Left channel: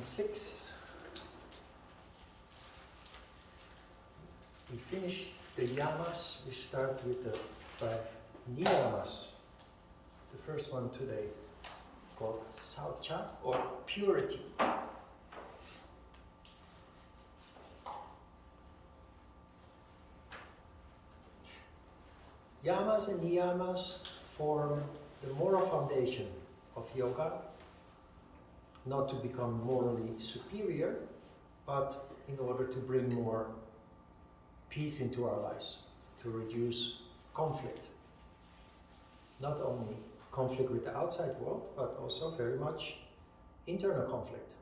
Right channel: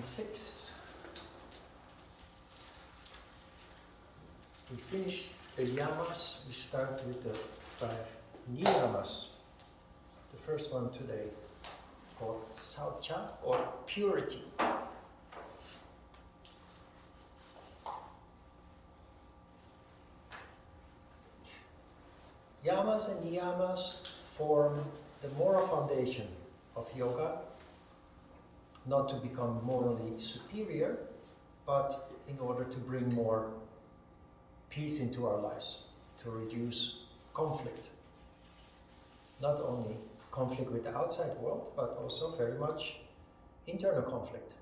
lesson 6. We finished the yamas. We start with the 5 niyamas. The first one today called Shaucha, or purity. Yamas and niyamas form the moral foundation of yoga, not to become morally superior, but in order to bring more peace into our lives, to reduce conflict. Not only conflict with the outside world, but also very much internal conflict.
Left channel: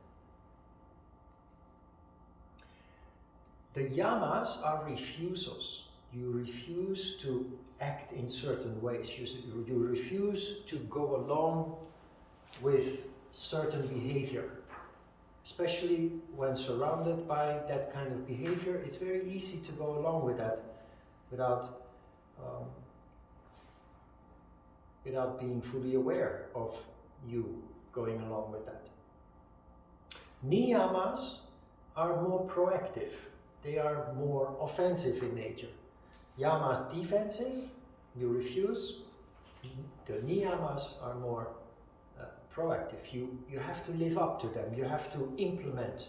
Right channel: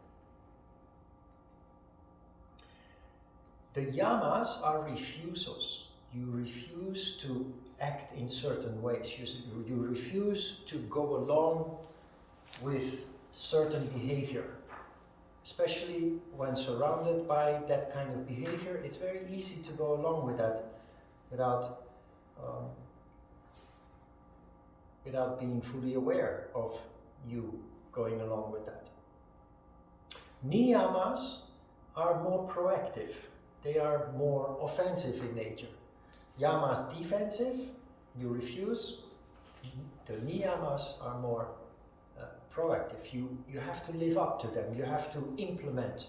The yamas are refusals. You refuse to act in certain ways. You refuse to go along with certain behavior. Especially when surrounded by that kind of behavior, it's very easy to go along with that without being fully aware of you going along with that. Niyamas are more proactive. They are more offensive in nature. Yamas defensive, you refuse. The niyamas are more proactive. You have to live up to them. You have to implement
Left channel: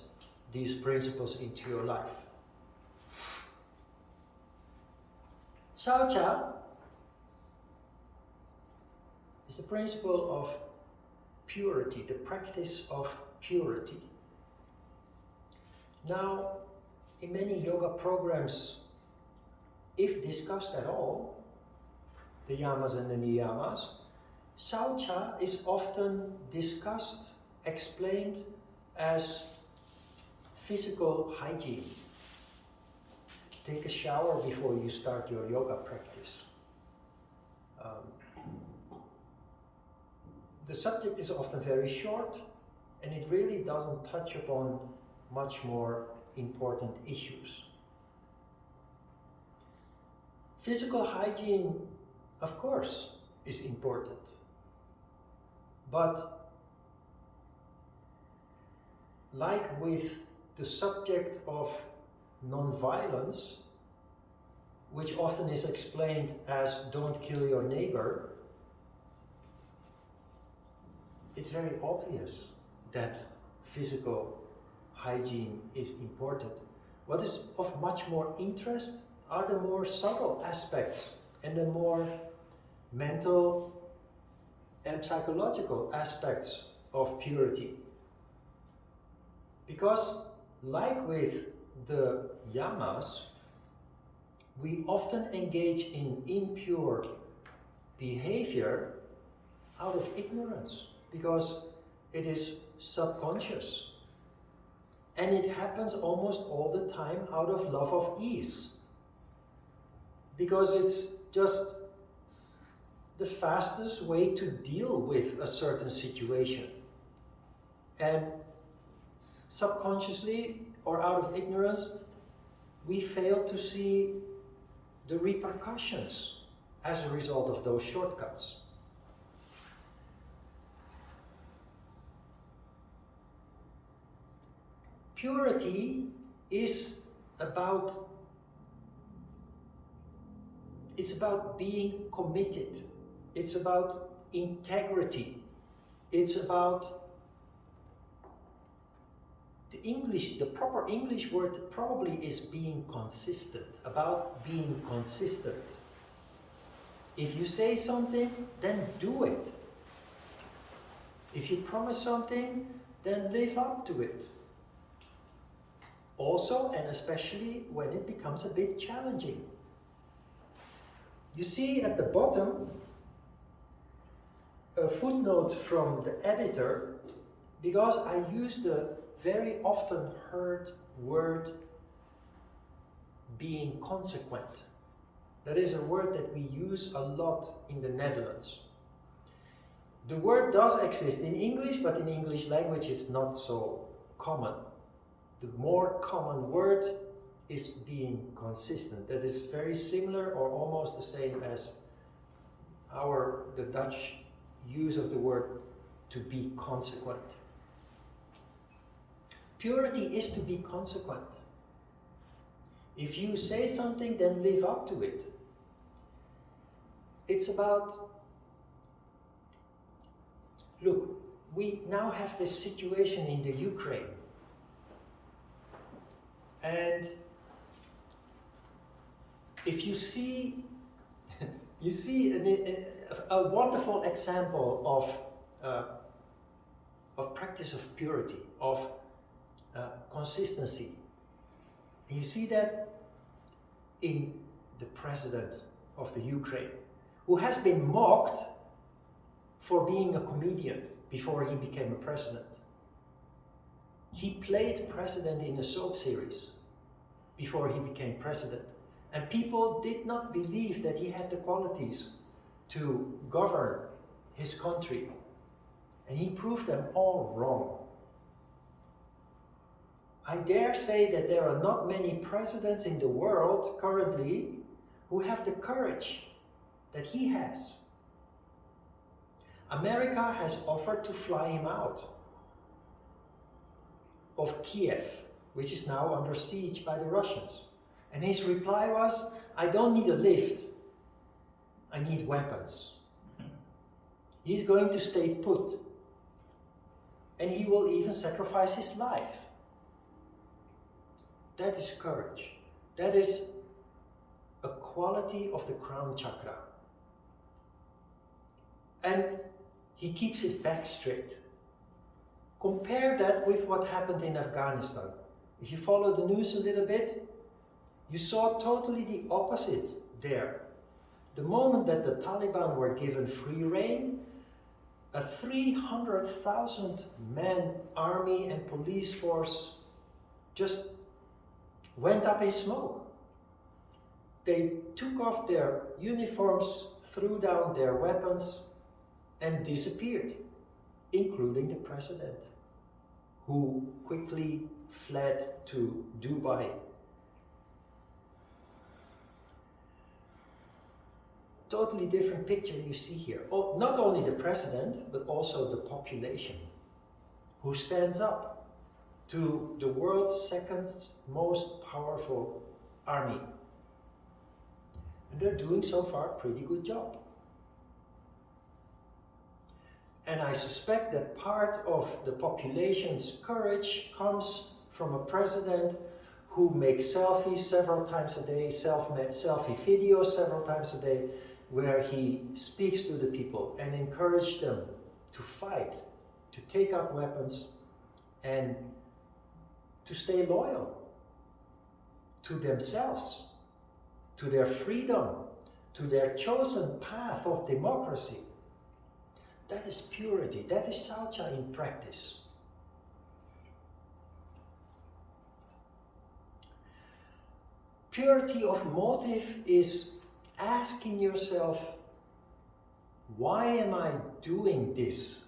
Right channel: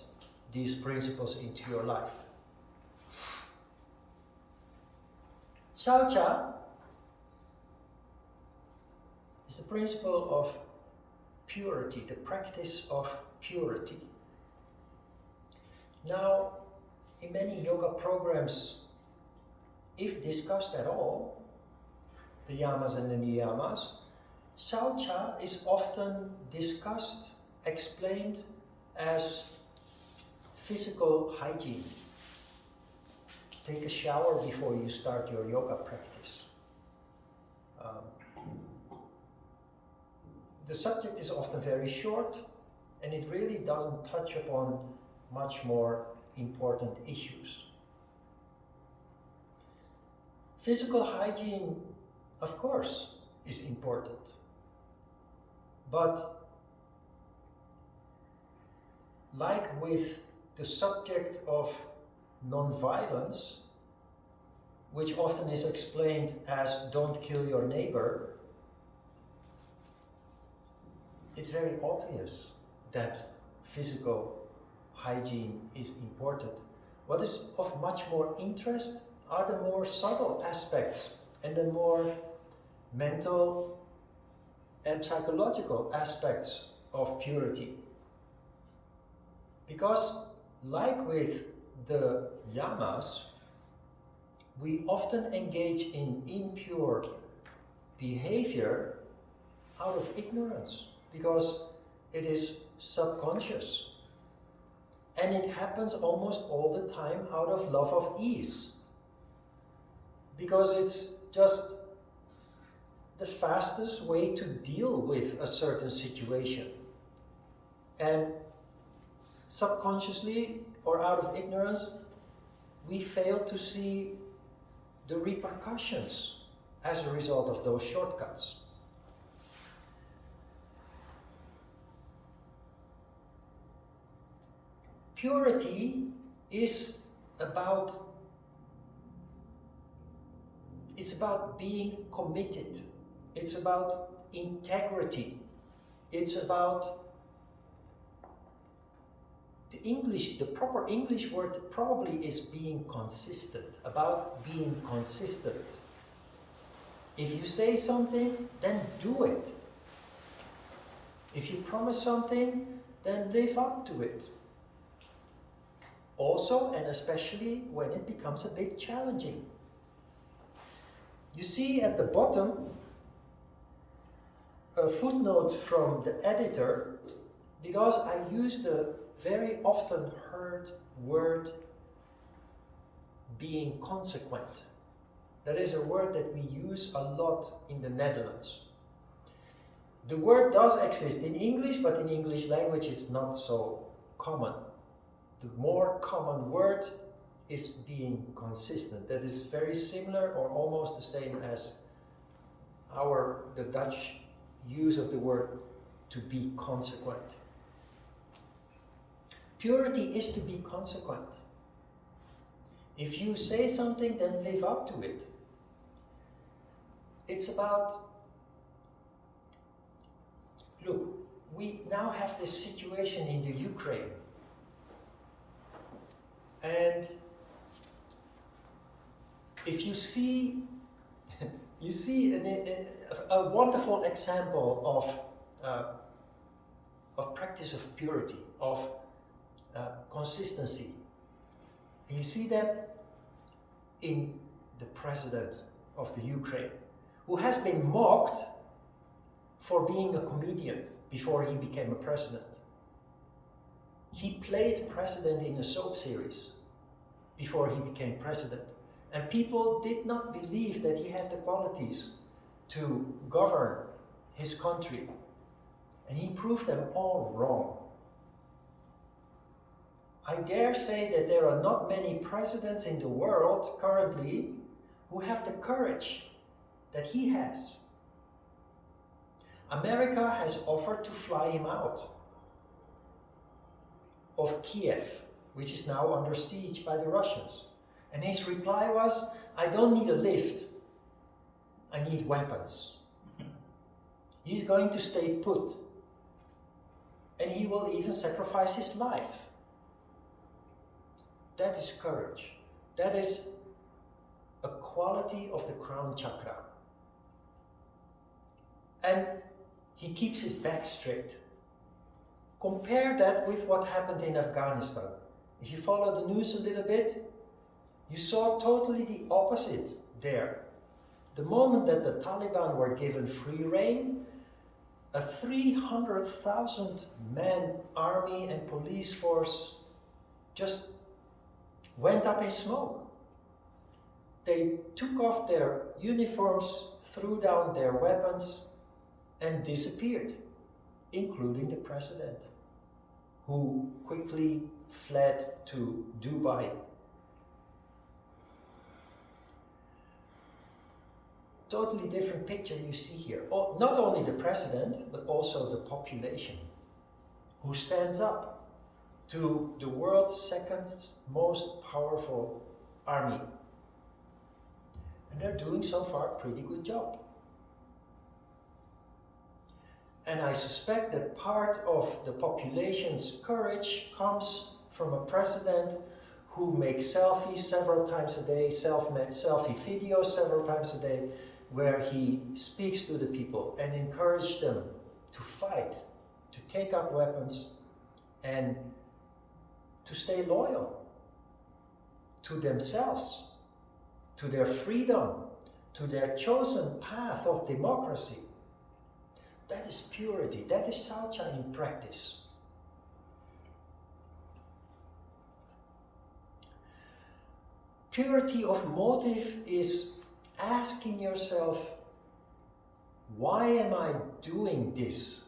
these principles into your life. Shaucha is the principle of purity, the practice of purity. Now, in many yoga programs, if discussed at all, the yamas and the niyamas, Shaucha is often discussed, explained as physical hygiene. Take a shower before you start your yoga practice. The subject is often very short, and it really doesn't touch upon much more important issues. Physical hygiene, of course, is important. But like with the subject of non-violence, which often is explained as don't kill your neighbor, it's very obvious that physical hygiene is important. What is of much more interest are the more subtle aspects and the more mental and psychological aspects of purity. Because like with the yamas, we often engage in impure behavior out of ignorance, because it is subconscious. And it happens almost all the time out of love of ease. Because it's just the fastest way to deal with a certain situation. And subconsciously or out of ignorance, we fail to see the repercussions as a result of those shortcuts. Purity is about being committed. It's about integrity. It's about the proper English word probably is being consistent, about being consistent. If you say something, then do it. If you promise something, then live up to it. Also, and especially when it becomes a bit challenging. You see at the bottom a footnote from the editor, because I use the very often heard word being consequent. That is a word that we use a lot in the Netherlands. The word does exist in English, but in English language it's not so common. The more common word is being consistent. That is very similar or almost the same as the Dutch use of the word to be consequent. Purity is to be consequent. If you say something, then live up to it. It's about, look, we now have this situation in the Ukraine. And if you see, you see a wonderful example of practice of purity, of consistency. And you see that in the president of the Ukraine, who has been mocked for being a comedian before he became a president. He played president in a soap series before he became president. And people did not believe that he had the qualities to govern his country. And he proved them all wrong. I dare say that there are not many presidents in the world currently who have the courage that he has. America has offered to fly him out of Kiev, which is now under siege by the Russians. And his reply was, I don't need a lift, I need weapons. He's going to stay put. And he will even sacrifice his life. That is courage. That is a quality of the crown chakra. And he keeps his back straight. Compare that with what happened in Afghanistan. If you follow the news a little bit, you saw totally the opposite there. The moment that the Taliban were given free rein, a 300,000 man army and police force just went up in smoke. They took off their uniforms, threw down their weapons, and disappeared, including the president, who quickly fled to Dubai. Totally different picture you see here. Oh, not only the president, but also the population, who stands up to the world's second most powerful army. And they're doing so far a pretty good job. And I suspect that part of the population's courage comes from a president who makes selfies several times a day, selfie videos several times a day, where he speaks to the people and encourages them to fight, to take up weapons, and to stay loyal to themselves, to their freedom, to their chosen path of democracy. That is purity. That is Shaucha in practice. Purity of motive is asking yourself, why am I doing this?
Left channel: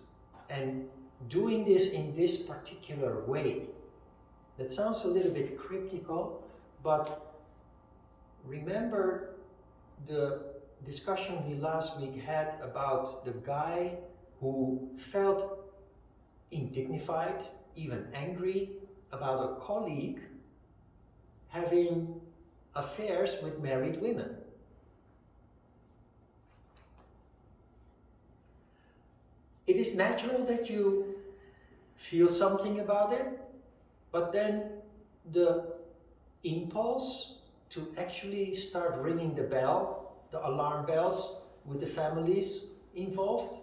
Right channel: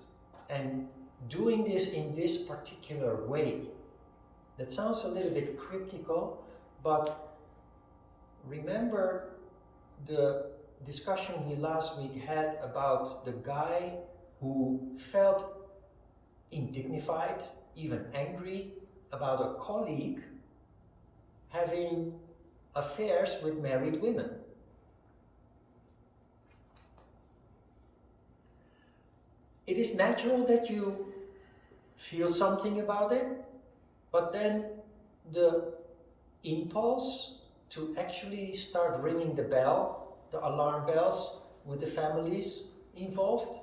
And doing this in this particular way. That sounds a little bit cryptical, but remember the discussion we last week had about the guy who felt indignified, even angry about a colleague having affairs with married women. It is natural that you feel something about it, but then the impulse to actually start ringing the bell, the alarm bells with the families involved,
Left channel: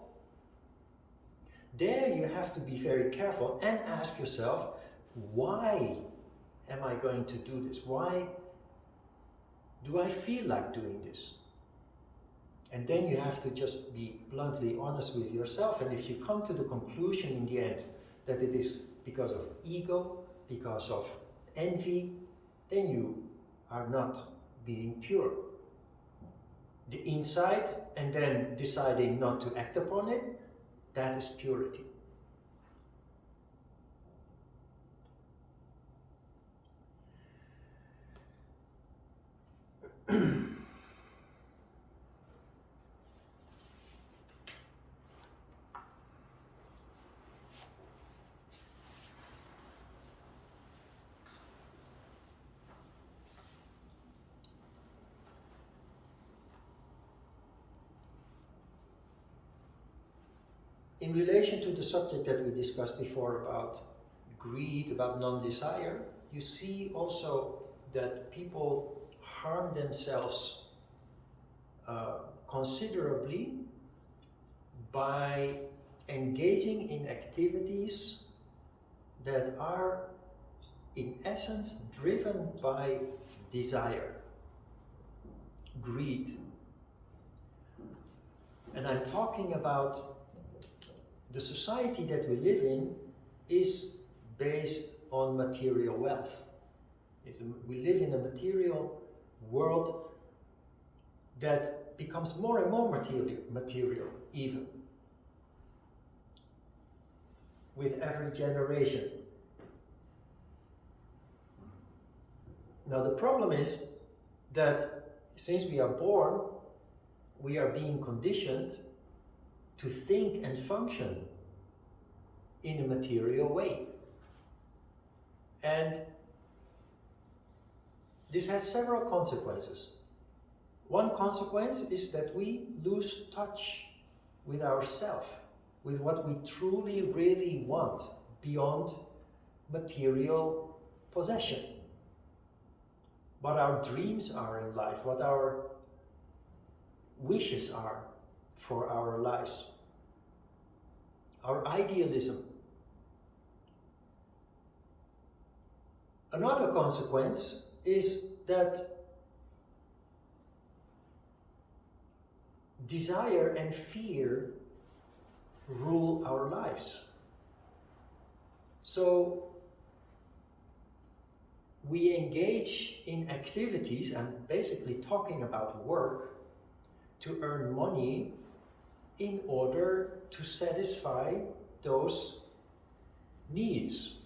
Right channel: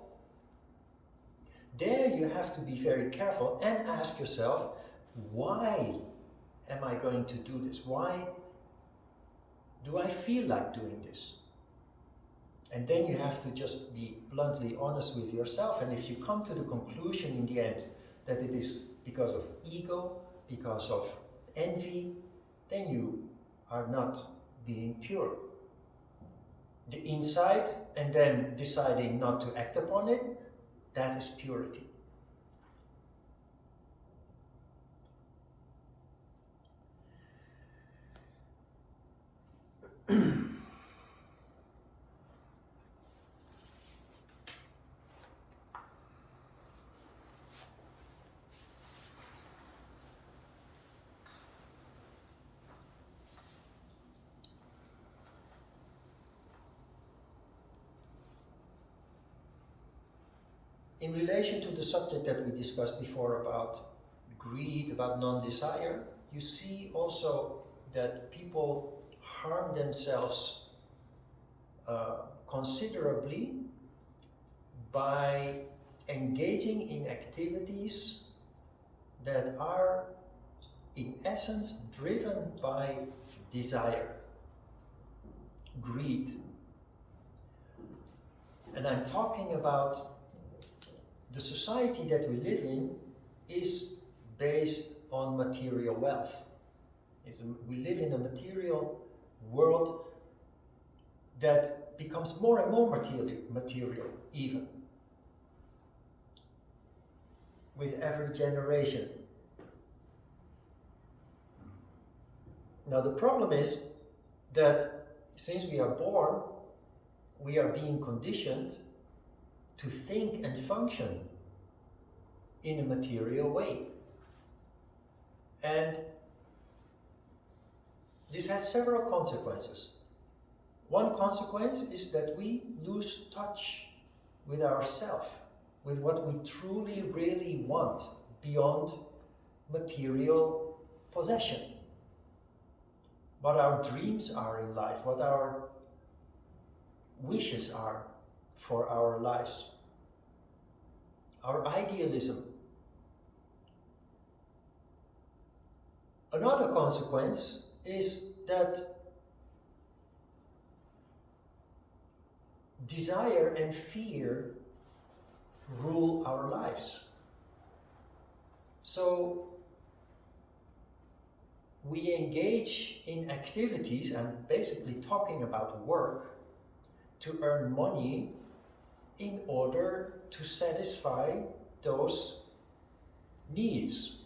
there you have to be very careful and ask yourself, why am I going to do this? Why do I feel like doing this? And then you have to just be bluntly honest with yourself. And if you come to the conclusion in the end that it is because of ego, because of envy, then you are not being pure. The insight and then deciding not to act upon it, that is purity. in relation to the subject that we discussed before about greed, about non-desire, you see also that people harm themselves considerably by engaging in activities that are in essence driven by desire, greed. And I'm talking about the society that we live in is based on material wealth. We live in a material world that becomes more and more material even with every generation. Now the problem is that since we are born, we are being conditioned to think and function in a material way. And this has several consequences. One consequence is that we lose touch with ourselves, with what we truly, really want beyond material possession. What our dreams are in life, what our wishes are for our lives, our idealism. Another consequence is that desire and fear rule our lives. So we engage in activities, I'm basically talking about work, to earn money in order to satisfy those needs.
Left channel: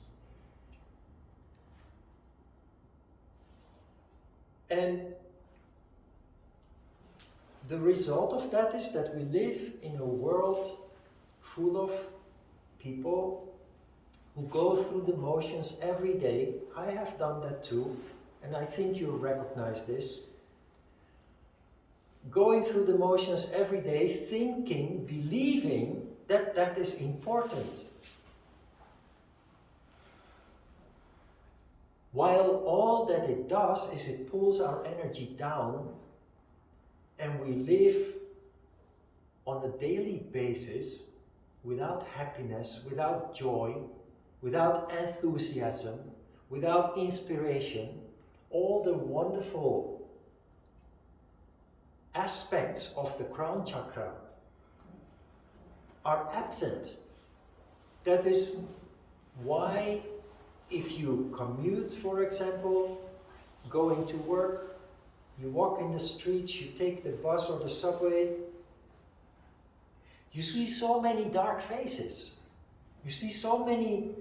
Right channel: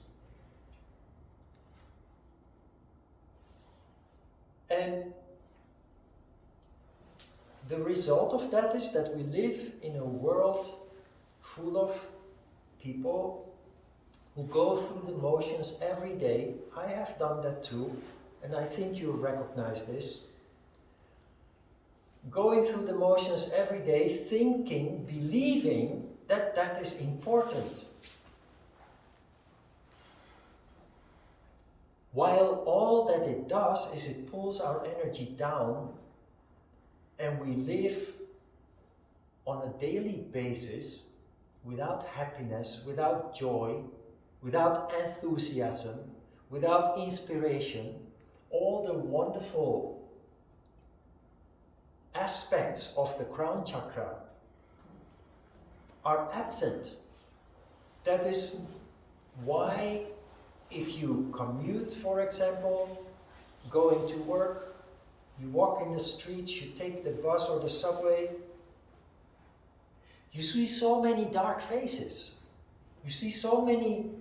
And the result of that is that we live in a world full of people who go through the motions every day. I have done that too, and I think you recognize this. Going through the motions every day, thinking, believing that that is important. While all that it does is it pulls our energy down, and we live on a daily basis without happiness, without joy, without enthusiasm, without inspiration. All the wonderful aspects of the crown chakra are absent. That is why if you commute, for example, going to work, you walk in the streets, you take the bus or the subway, you see so many dark faces. You see so many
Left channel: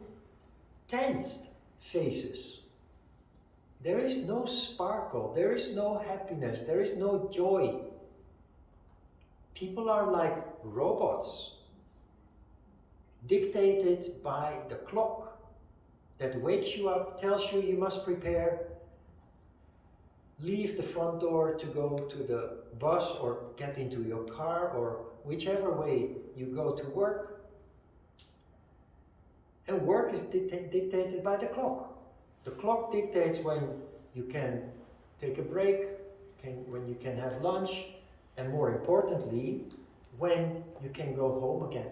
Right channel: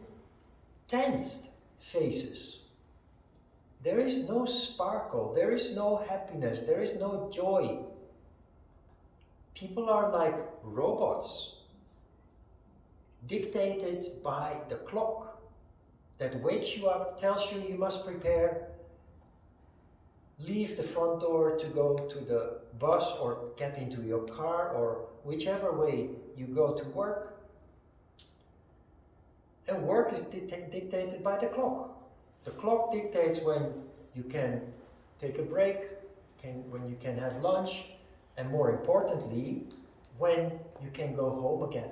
tensed faces. There is no sparkle, there is no happiness, there is no joy. People are like robots, dictated by the clock that wakes you up, tells you you must prepare, leave the front door to go to the bus or get into your car or whichever way you go to work. And work is dictated by the clock. The clock dictates when you can take a break, when you can have lunch, and more importantly, when you can go home again.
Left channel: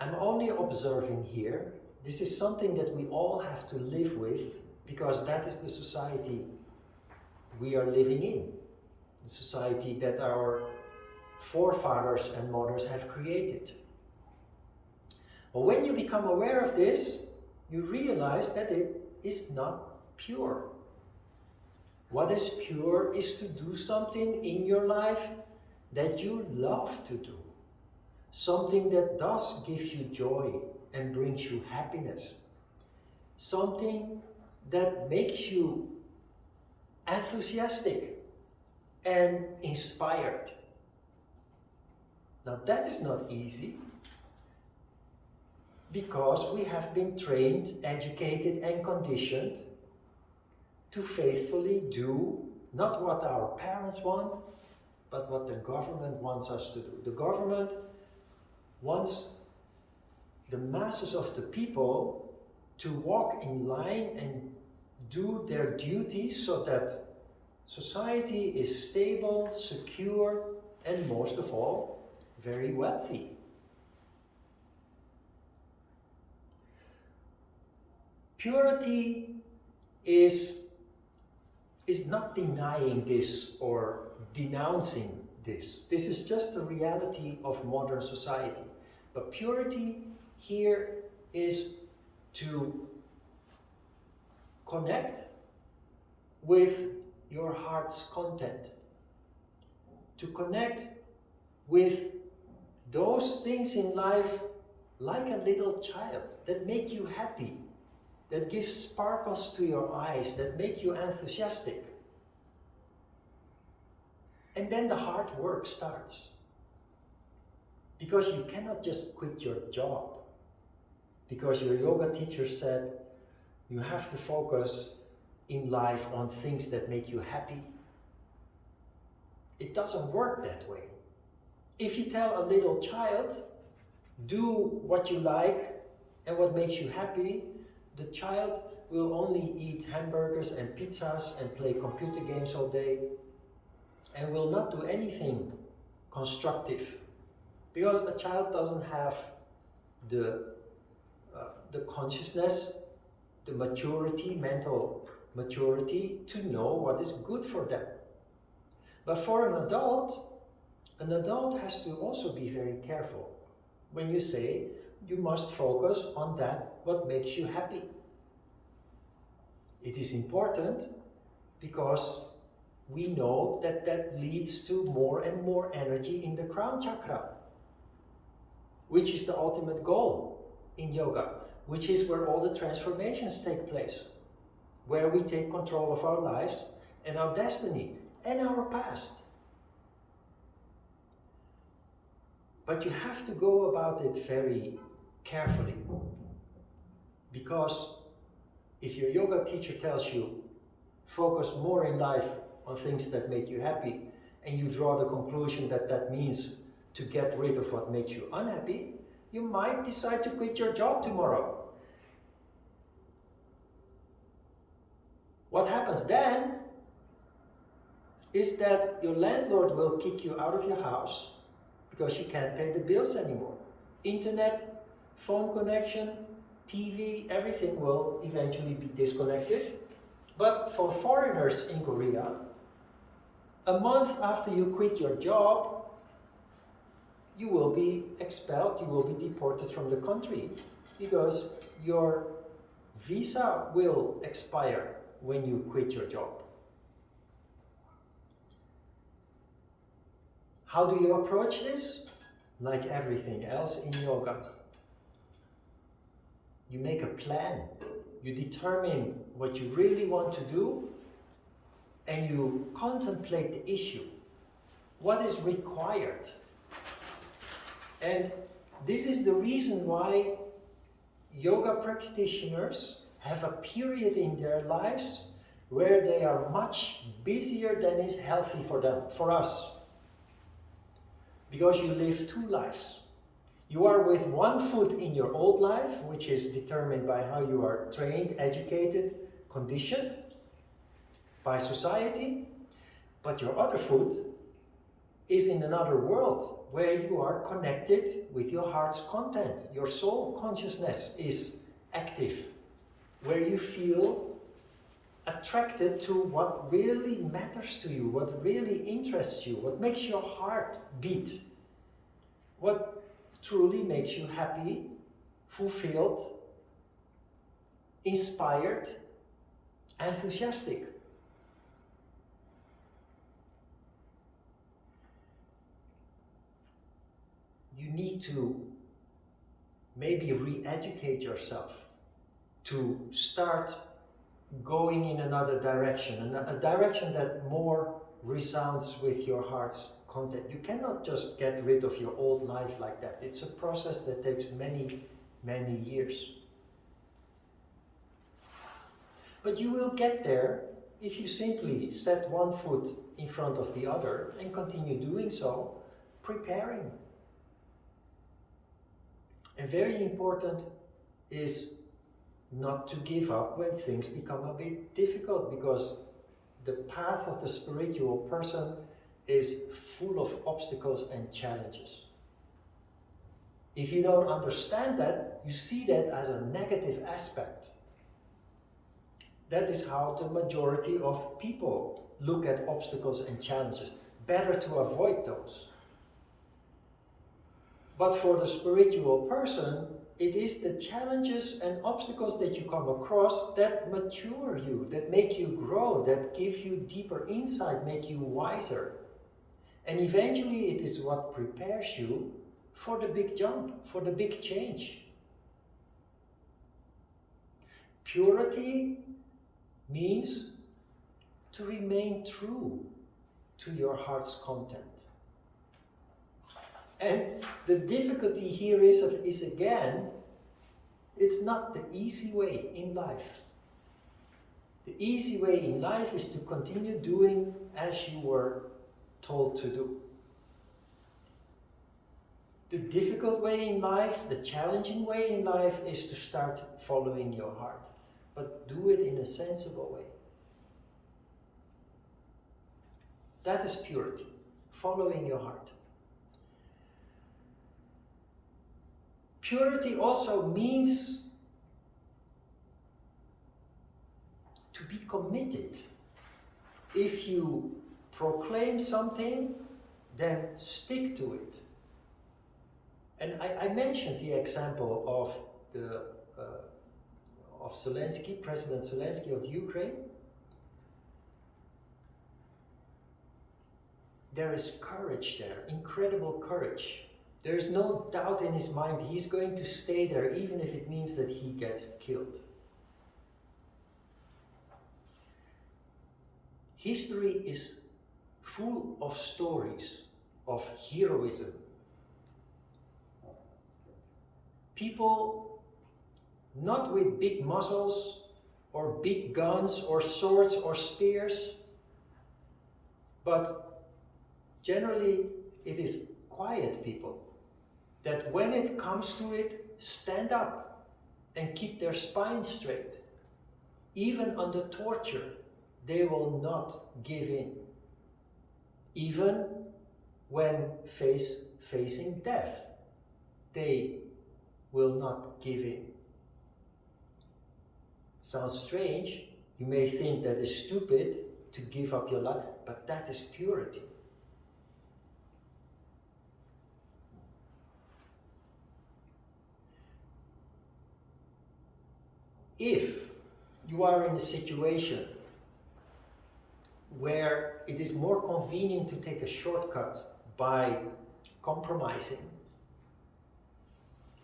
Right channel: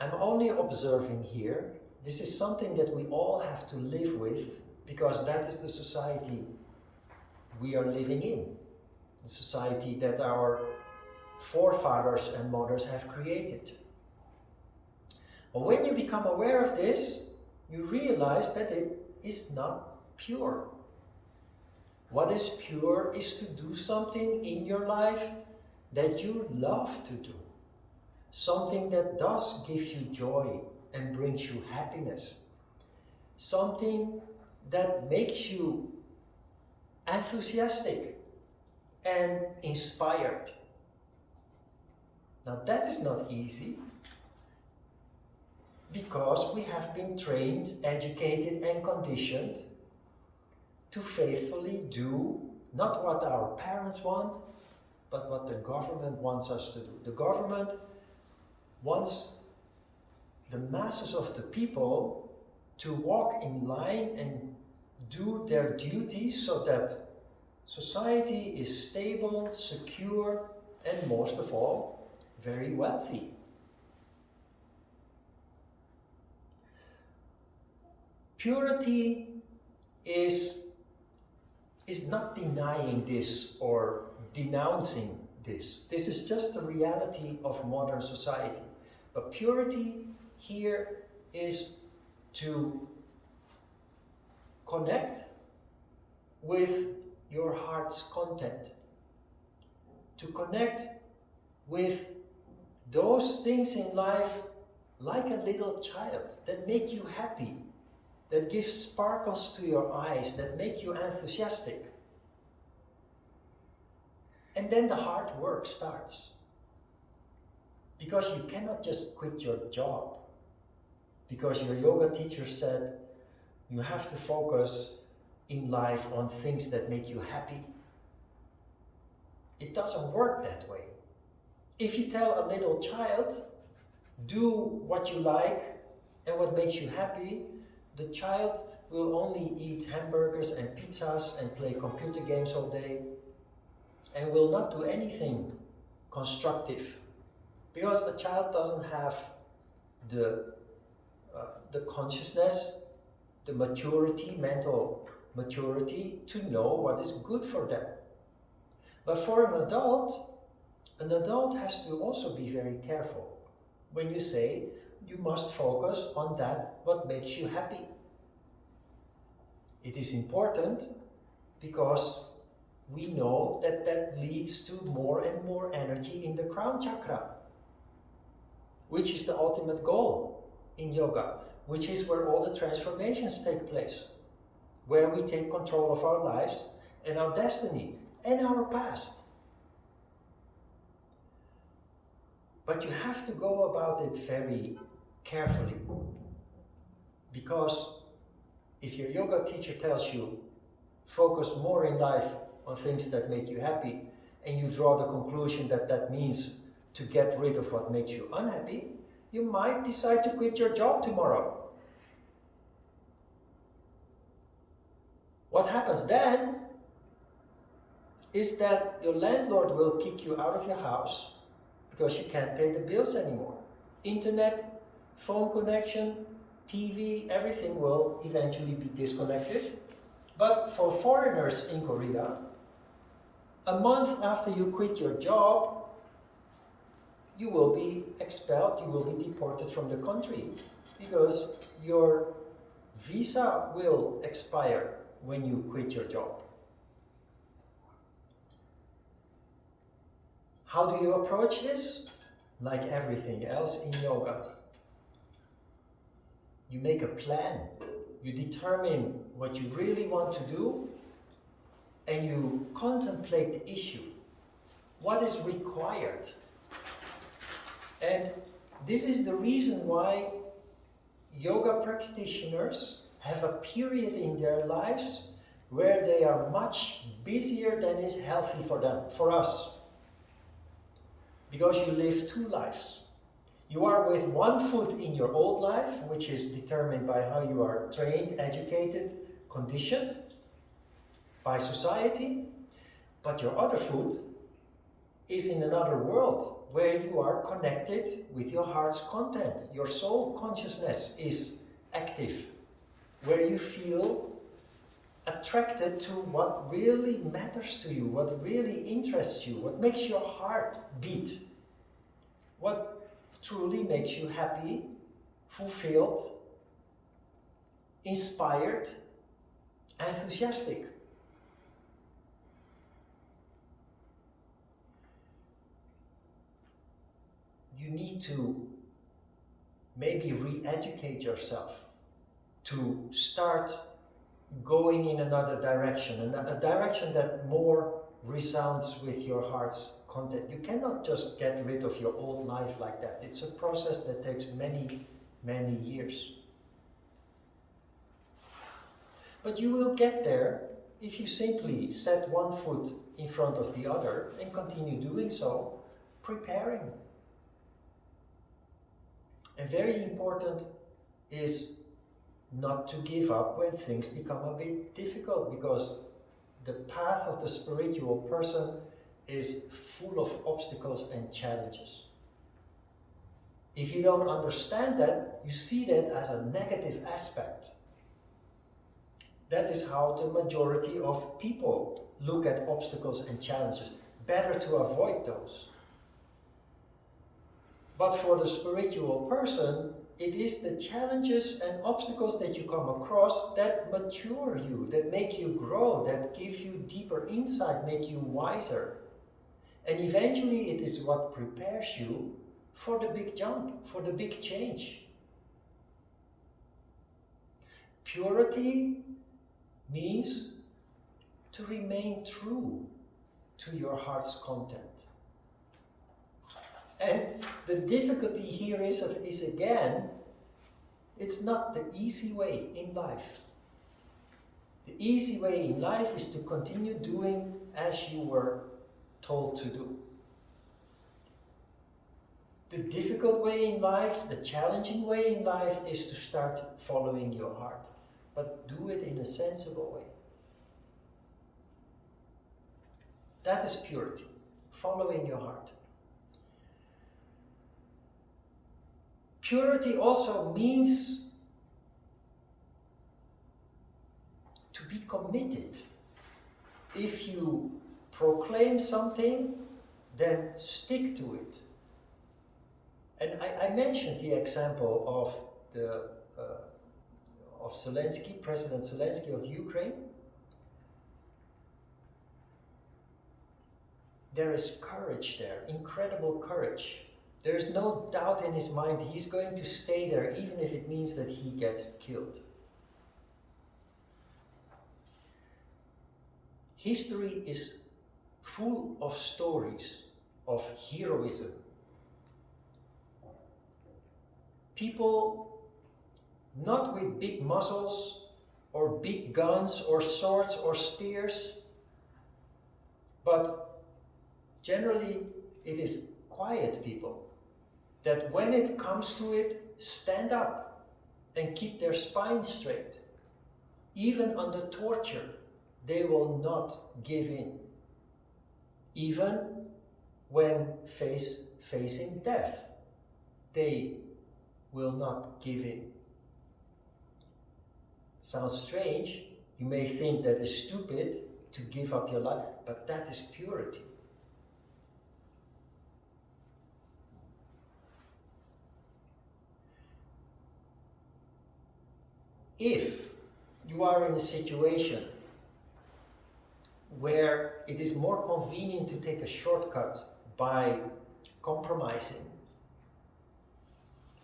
I'm only observing here. This is something that we all have to live with because that is the society we are living in. The society that our forefathers and mothers have created. But when you become aware of this, you realize that it is not pure. What is pure is to do something in your life that you love to do. Something that does give you joy and brings you happiness. Something that makes you enthusiastic and inspired. Now that is not easy because we have been trained, educated and conditioned to faithfully do not what our parents want, but what the government wants us to do. The government wants the masses of the people to walk in line and do their duties so that society is stable, secure, and most of all, very wealthy. Purity is not denying this or denouncing this. This is just the reality of modern society. But purity here is to connect with your heart's content, to connect with those things in life like a little child that make you happy, that give sparkles to your eyes, that make you enthusiastic. And then the hard work starts. Because you cannot just quit your job. Because your yoga teacher said you have to focus in life on things that make you happy. It doesn't work that way. If you tell a little child, do what you like and what makes you happy, the child will only eat hamburgers and pizzas and play computer games all day and will not do anything constructive. Because a child doesn't have the consciousness, the maturity, mental maturity to know what is good for them. But for an adult has to also be very careful when you say you must focus on that what makes you happy. It is important because we know that that leads to more and more energy in the crown chakra, which is the ultimate goal in yoga, which is where all the transformations take place, where we take control of our lives and our destiny and our past. But you have to go about it very carefully, because if your yoga teacher tells you focus more in life on things that make you happy, and you draw the conclusion that that means to get rid of what makes you unhappy, you might decide to quit your job tomorrow. What happens then is that your landlord will kick you out of your house because you can't pay the bills anymore. Internet, phone connection, TV, everything will eventually be disconnected. But for foreigners in Korea, a month after you quit your job, you will be expelled, you will be deported from the country because your visa will expire when you quit your job. How do you approach this? Like everything else in yoga. You make a plan. You determine what you really want to do, and you contemplate the issue. What is required? And this is the reason why yoga practitioners have a period in their lives where they are much busier than is healthy for them, for us. Because you live two lives. You are with one foot in your old life, which is determined by how you are trained, educated, conditioned by society, but your other foot is in another world where you are connected with your heart's content. Your soul consciousness is active, where you feel attracted to what really matters to you, what really interests you, what makes your heart beat, what truly makes you happy, fulfilled, inspired, enthusiastic. You need to maybe re-educate yourself to start going in another direction, and a direction that more resounds with your heart's content. You cannot just get rid of your old life like that. It's a process that takes many, many years. But you will get there if you simply set one foot in front of the other and continue doing so, preparing. And very important is not to give up when things become a bit difficult, because the path of the spiritual person is full of obstacles and challenges. If you don't understand that, you see that as a negative aspect. That is how the majority of people look at obstacles and challenges. Better to avoid those. But for the spiritual person, it is the challenges and obstacles that you come across that mature you, that make you grow, that give you deeper insight, make you wiser. And eventually it is what prepares you for the big jump, for the big change. Purity means to remain true to your heart's content. And the difficulty here is again, it's not the easy way in life. The easy way in life is to continue doing as you were told to do. The difficult way in life, the challenging way in life, is to start following your heart, but do it in a sensible way. That is purity, following your heart. Purity also means to be committed. If you proclaim something, then stick to it. And I mentioned the example of Zelensky, President Zelensky of Ukraine. There is courage there, incredible courage. There is no doubt in his mind he's going to stay there, even if it means that he gets killed. History is full of stories of heroism. People not with big muscles or big guns or swords or spears, but generally it is quiet people that when it comes to it, stand up and keep their spine straight. Even under torture, they will not give in. Even when facing death, they will not give in. Sounds strange. You may think that is stupid to give up your life, but that is purity. If you are in a situation where it is more convenient to take a shortcut by compromising,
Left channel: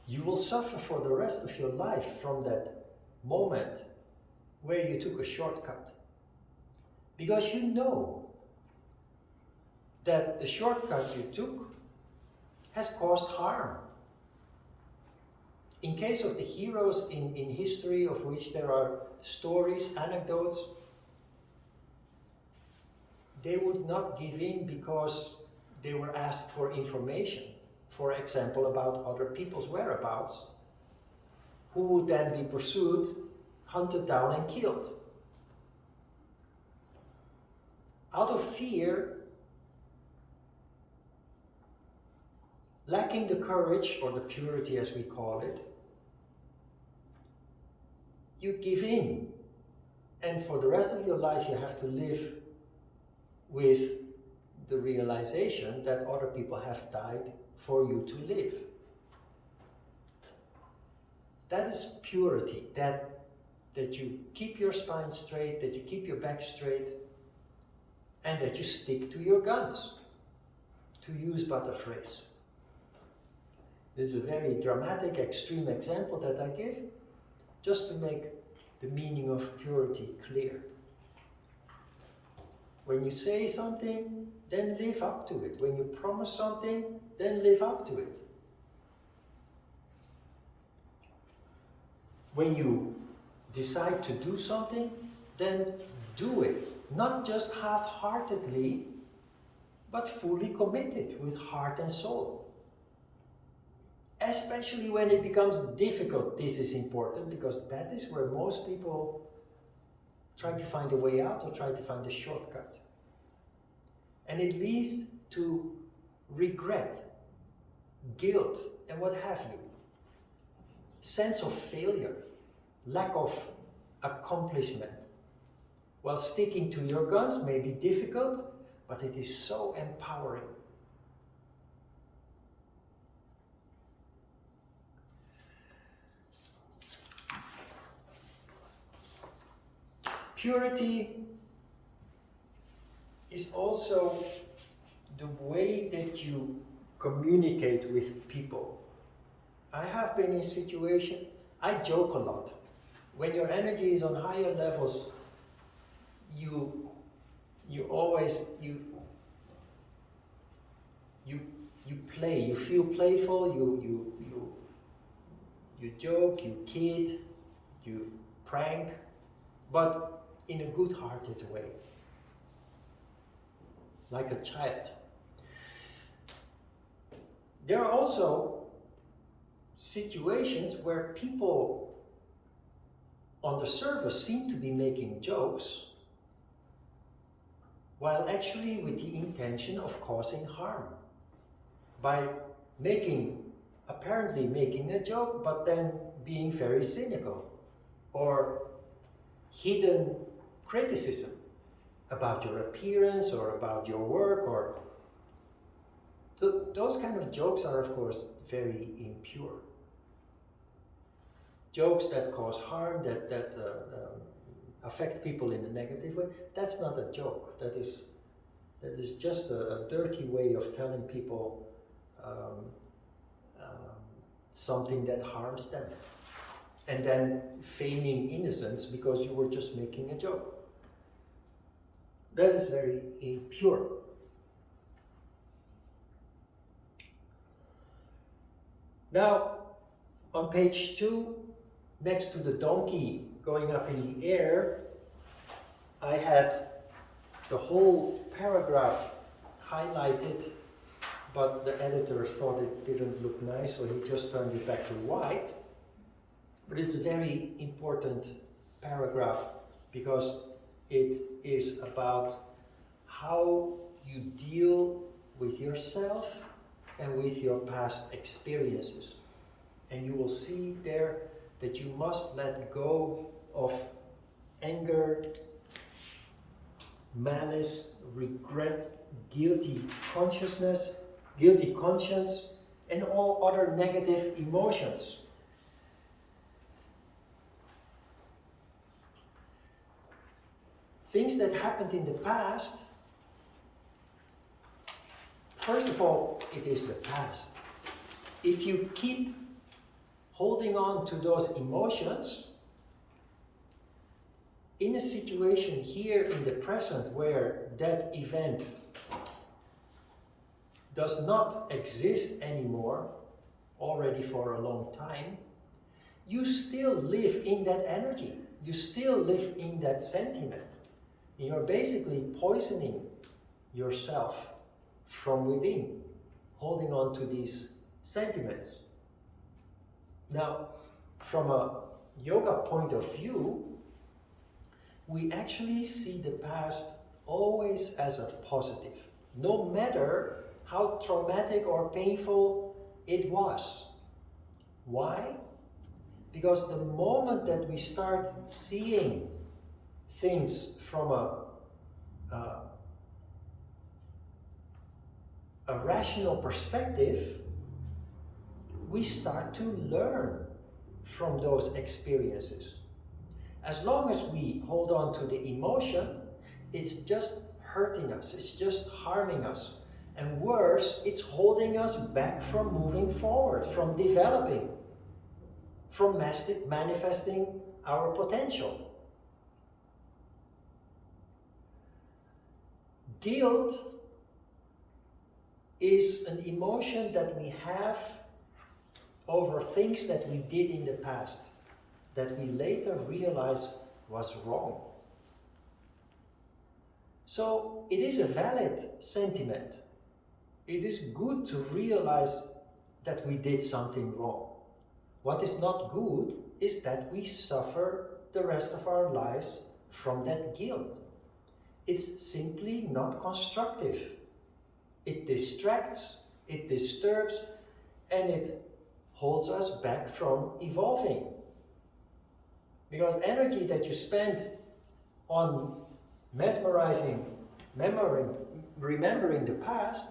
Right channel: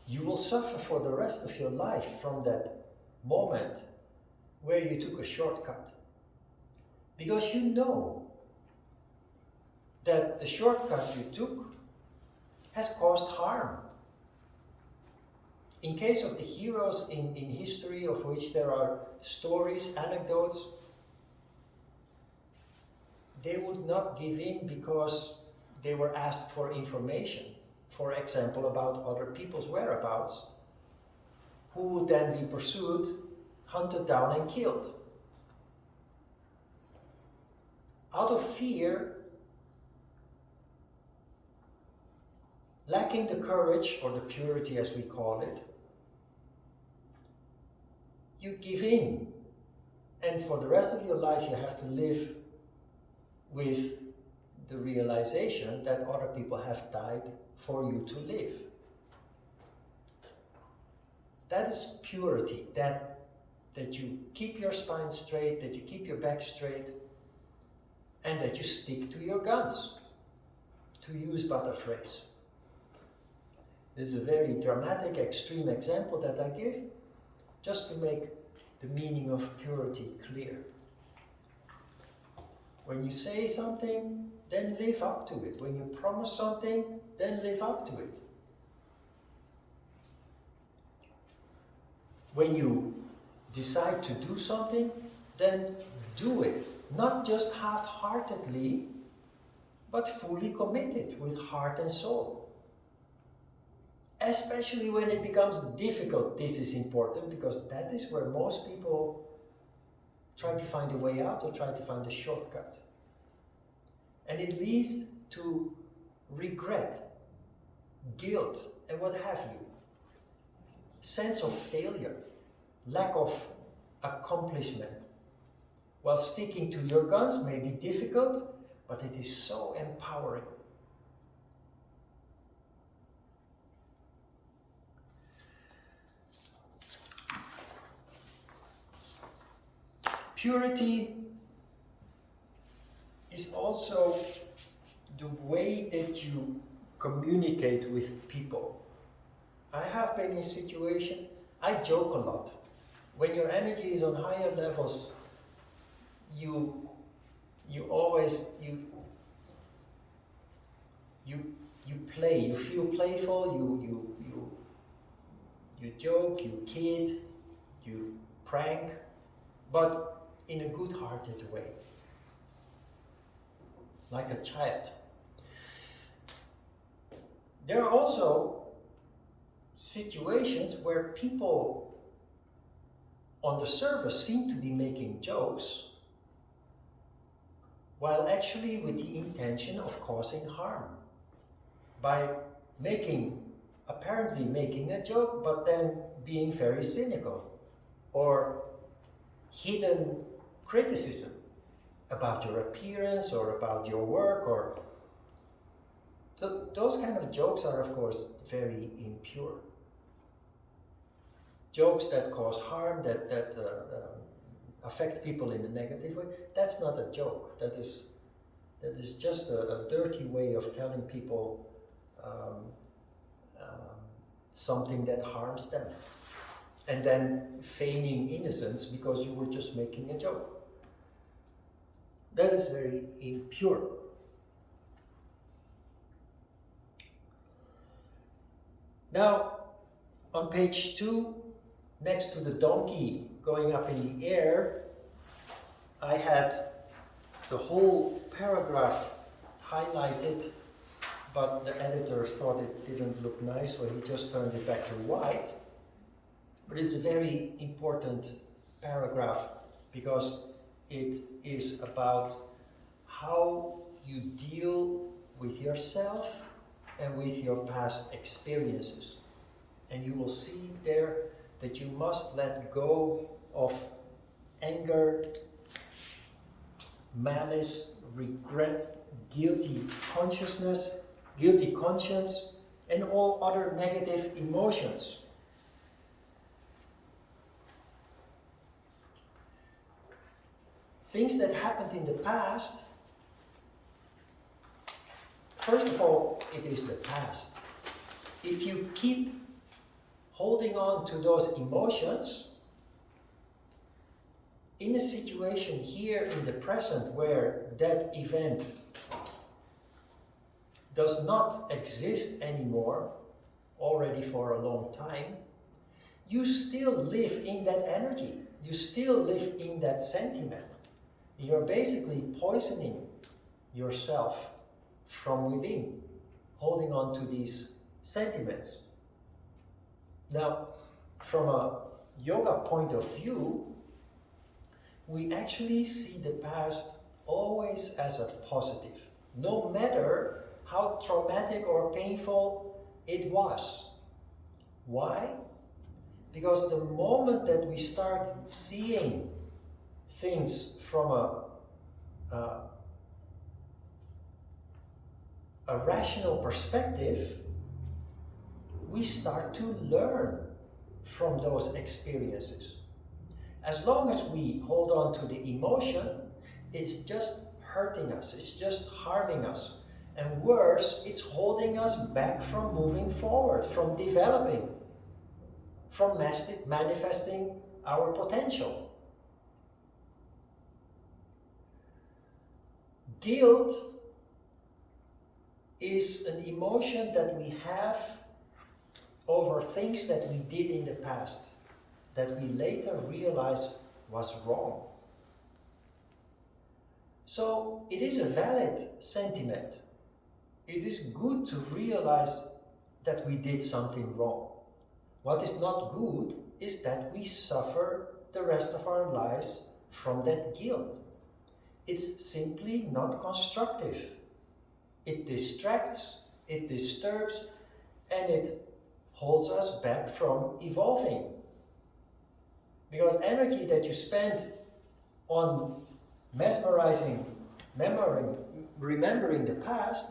you will suffer for the rest of your life from that moment where you took a shortcut. Because you know that the shortcut you took has caused harm. In case of the heroes in history, of which there are stories, anecdotes, they would not give in because they were asked for information, for example, about other people's whereabouts, who would then be pursued, hunted down and killed. Out of fear, lacking the courage, or the purity as we call it, you give in. And for the rest of your life you have to live with the realization that other people have died for you to live. That is purity, that you keep your spine straight, that you keep your back straight, and that you stick to your guns, to use but a phrase. This is a very dramatic, extreme example that I give, just to make the meaning of purity clear. When you say something, then live up to it. When you promise something, then live up to it. When you decide to do something, then do it, not just half-heartedly, but fully committed with heart and soul. Especially when it becomes difficult, this is important, because that is where most people try to find a way out or try to find a shortcut. And it leads to regret, guilt, and what have you. Sense of failure, lack of accomplishment. While sticking to your guns may be difficult, but it is so empowering. Purity is also the way that you communicate with people. I have been in situations, I joke a lot. When your energy is on higher levels, you play, you feel playful, you joke, you kid, you prank, but in a good-hearted way, like a child. There are also situations where people on the surface seem to be making jokes, while actually with the intention of causing harm. By apparently making a joke, but then being very cynical, or hidden criticism about your appearance or about your work, or so those kind of jokes are of course very impure. Jokes that cause harm, that affect people in a negative way, that's not a joke. That is just a dirty way of telling people something that harms them, and then feigning innocence because you were just making a joke. That is very impure. Now, on page 2, next to the donkey going up in the air, I had the whole paragraph highlighted, but the editor thought it didn't look nice, so he just turned it back to white. But it's a very important paragraph because it is about how you deal with yourself and with your past experiences. And you will see there that you must let go of anger, malice, regret, guilty conscience, and all other negative emotions. Things that happened in the past, first of all, it is the past. If you keep holding on to those emotions, in a situation here in the present where that event does not exist anymore, already for a long time, you still live in that energy. You still live in that sentiment. You're basically poisoning yourself from within, holding on to these sentiments. Now, from a yoga point of view, we actually see the past always as a positive, no matter how traumatic or painful it was. Why? Because the moment that we start seeing things from a rational perspective, we start to learn from those experiences. As long as we hold on to the emotion, it's just hurting us, it's just harming us. And worse, it's holding us back from moving forward, from developing, from manifesting our potential. Guilt is an emotion that we have over things that we did in the past, that we later realize was wrong. So it is a valid sentiment. It is good to realize that we did something wrong. What is not good is that we suffer the rest of our lives from that guilt. It's simply not constructive. It distracts, it disturbs, and it holds us back from evolving. Because energy that you spend on mesmerizing, remembering the past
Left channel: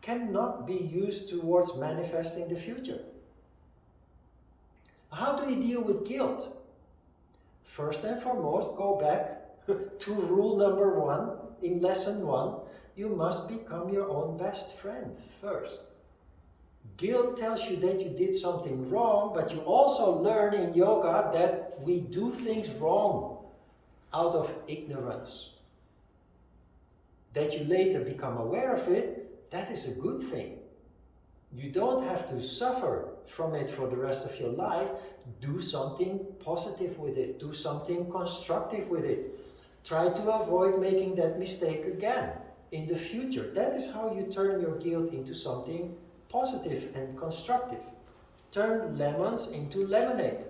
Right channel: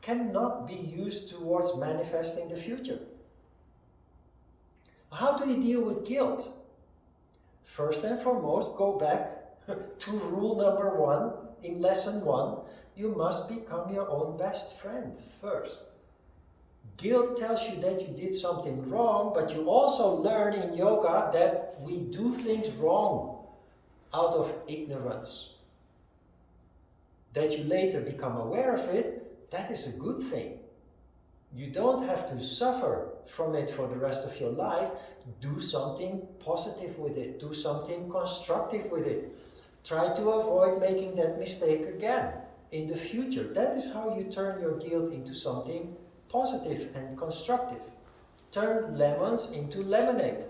cannot be used towards manifesting the future. How do you deal with guilt? First and foremost, go back to rule number 1 in lesson 1. You must become your own best friend first. Guilt tells you that you did something wrong, but you also learn in yoga that we do things wrong out of ignorance. That you later become aware of it, that is a good thing. You don't have to suffer from it for the rest of your life. Do something positive with it. Do something constructive with it. Try to avoid making that mistake again in the future. That is how you turn your guilt into something positive and constructive. Turn lemons into lemonade.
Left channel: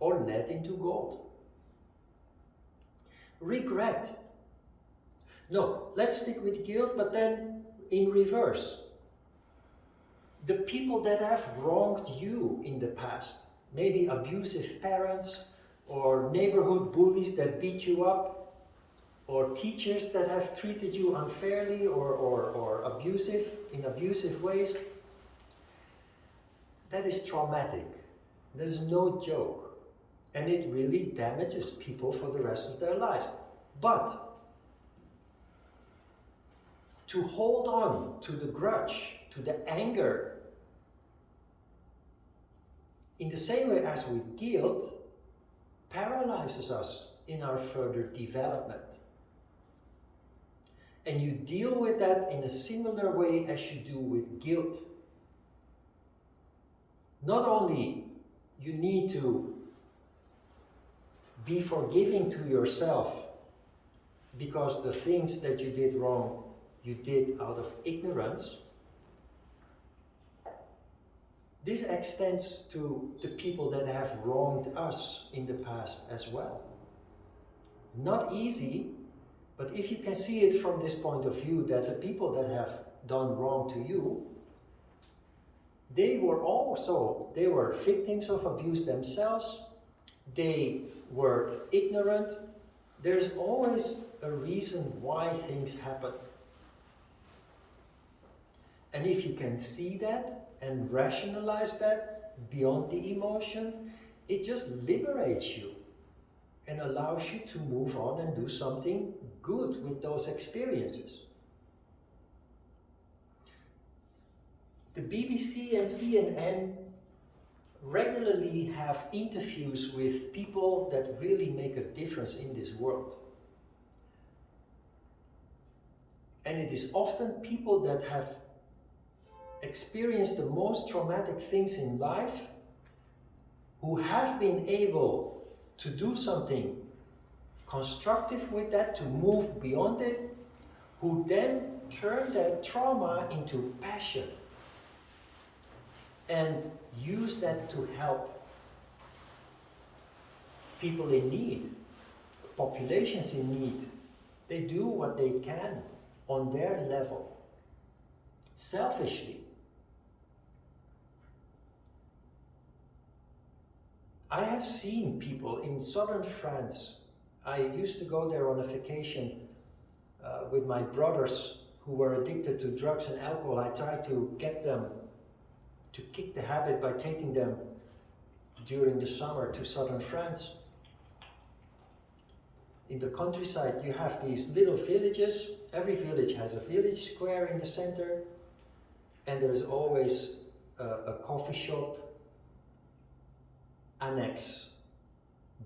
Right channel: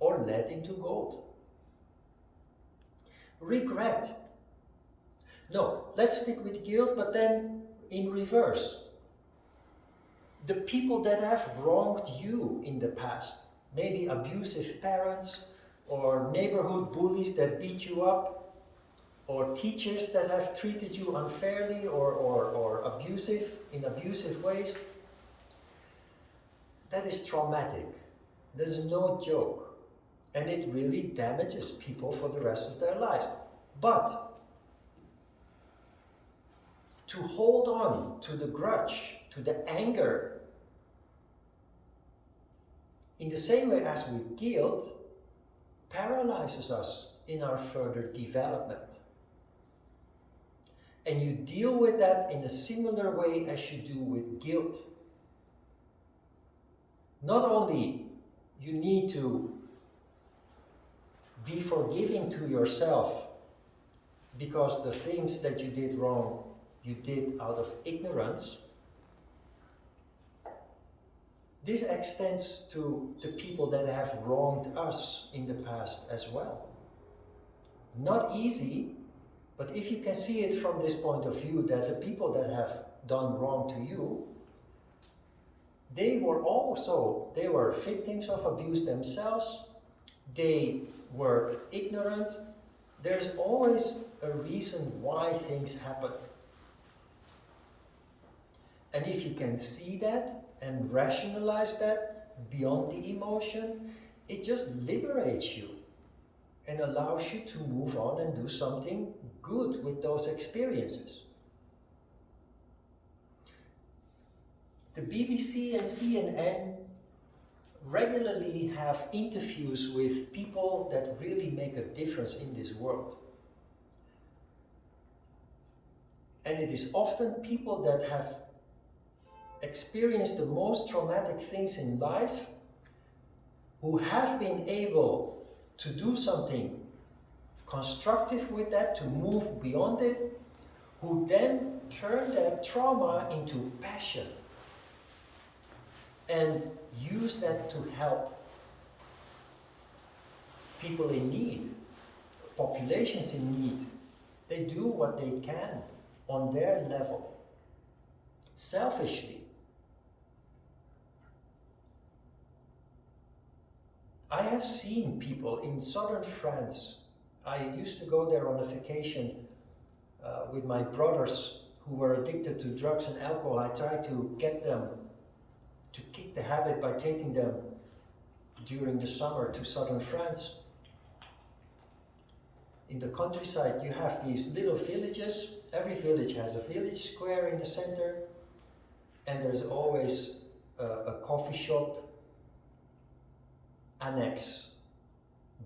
Or lead into gold. Regret. No, let's stick with guilt, but then in reverse. The people that have wronged you in the past, maybe abusive parents, or neighborhood bullies that beat you up, or teachers that have treated you unfairly or in abusive ways, that is traumatic. There's no joke. And it really damages people for the rest of their lives. But to hold on to the grudge, to the anger, in the same way as with guilt, paralyzes us in our further development. And you deal with that in a similar way as you do with guilt. Not only you need to be forgiving to yourself because the things that you did wrong, you did out of ignorance. This extends to the people that have wronged us in the past as well. It's not easy, but if you can see it from this point of view, that the people that have done wrong to you, they were victims of abuse themselves. They were ignorant. There's always a reason why things happen. And if you can see that and rationalize that beyond the emotion, it just liberates you and allows you to move on and do something good with those experiences. The BBC and CNN regularly have interviews with people that really make a difference in this world. And it is often people that have experienced the most traumatic things in life, who have been able to do something constructive with that, to move beyond it, who then turn that trauma into passion and use that to help people in need, populations in need. They do what they can on their level, selfishly. I have seen people in southern France. I used to go there on a vacation with my brothers who were addicted to drugs and alcohol. I tried to get them to kick the habit by taking them during the summer to southern France. In the countryside, you have these little villages. Every village has a village square in the center, and there's always a coffee shop annex,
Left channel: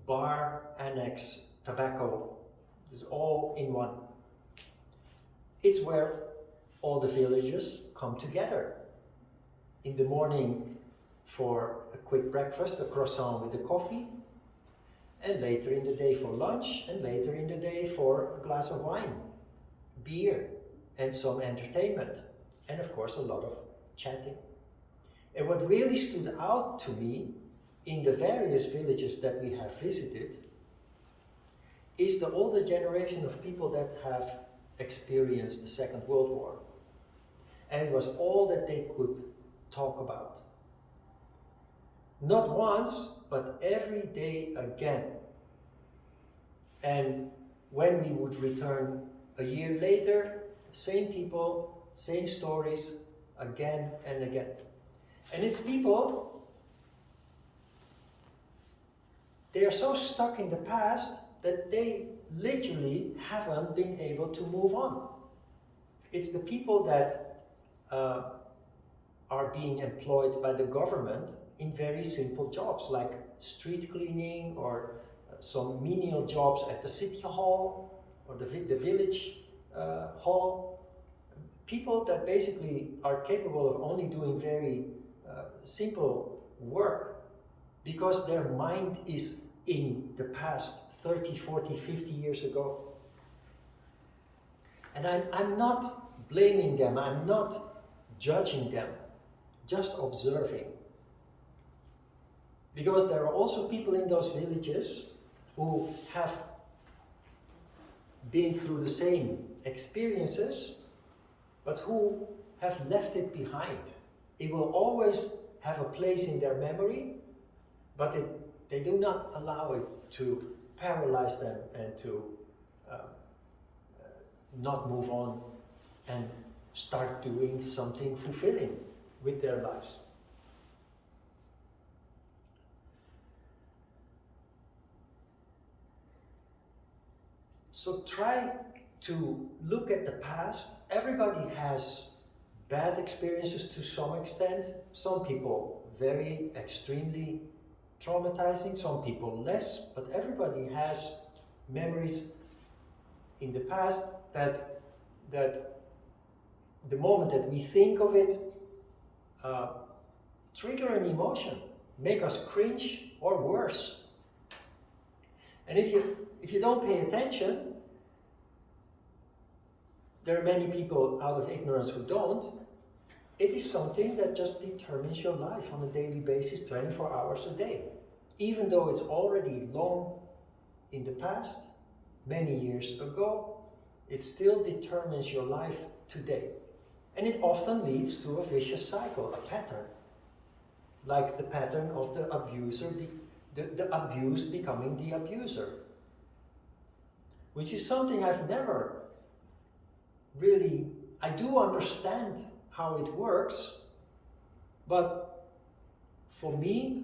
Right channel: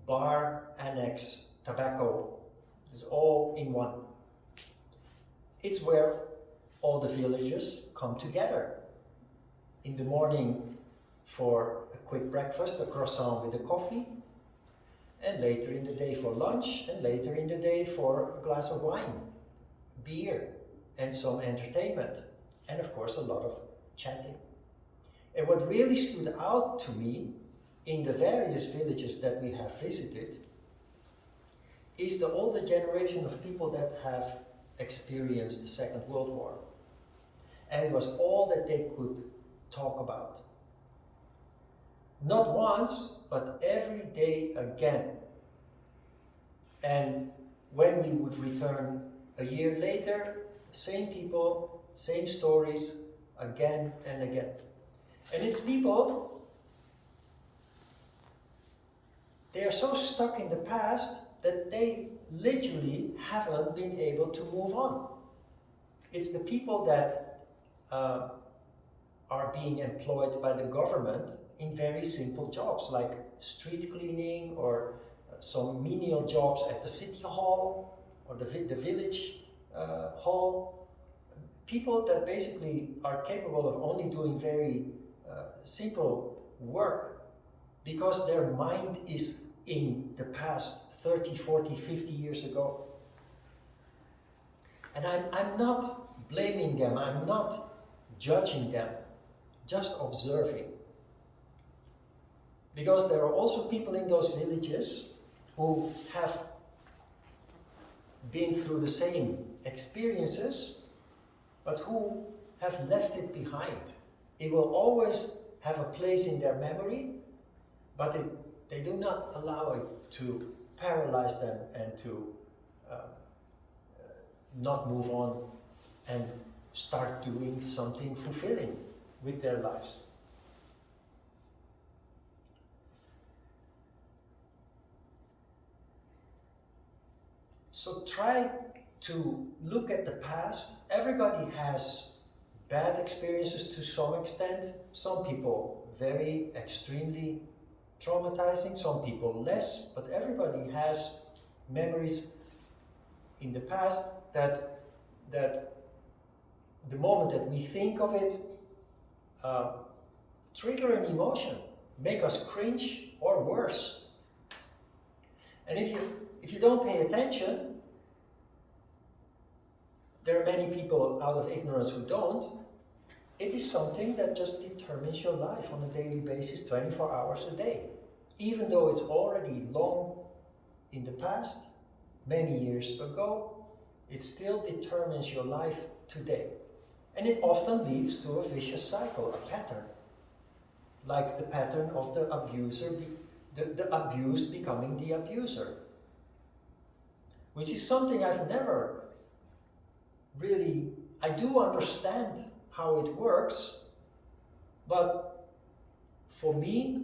bar annex, tobacco. It's all in one. It's where all the villagers come together. In the morning for a quick breakfast, a croissant with a coffee. and later in the day for lunch, and later in the day for a glass of wine, beer, and some entertainment, and of course a lot of chatting. And what really stood out to me in the various villages that we have visited is the older generation of people that have experienced the Second World War. And it was all that they could talk about. Not once, but every day again. And when we would return a year later, same people, same stories, again and again. And it's people, they are so stuck in the past that they literally haven't been able to move on. It's the people that are being employed by the government in very simple jobs like street cleaning or some menial jobs at the city hall or the village hall. People that basically are capable of only doing very simple work because their mind is in the past 30, 40, 50 years ago. And I'm not blaming them, I'm not judging them, just observing. Because there are also people in those villages who have been through the same experiences, but who have left it behind. It will always have a place in their memory, but they do not allow it to paralyze them and to not move on and start doing something fulfilling with their lives. So try to look at the past. Everybody has bad experiences to some extent. Some people very extremely traumatizing, some people less, but everybody has memories in the past that the moment that we think of it trigger an emotion, make us cringe or worse. And if you don't pay attention, there are many people out of ignorance who don't. It is something that just determines your life on a daily basis, 24 hours a day. Even though it's already long in the past, many years ago, it still determines your life today. And it often leads to a vicious cycle, a pattern. Like the pattern of the abuser, the abused becoming the abuser. Which is something I've never really, I do understand how it works, but for me,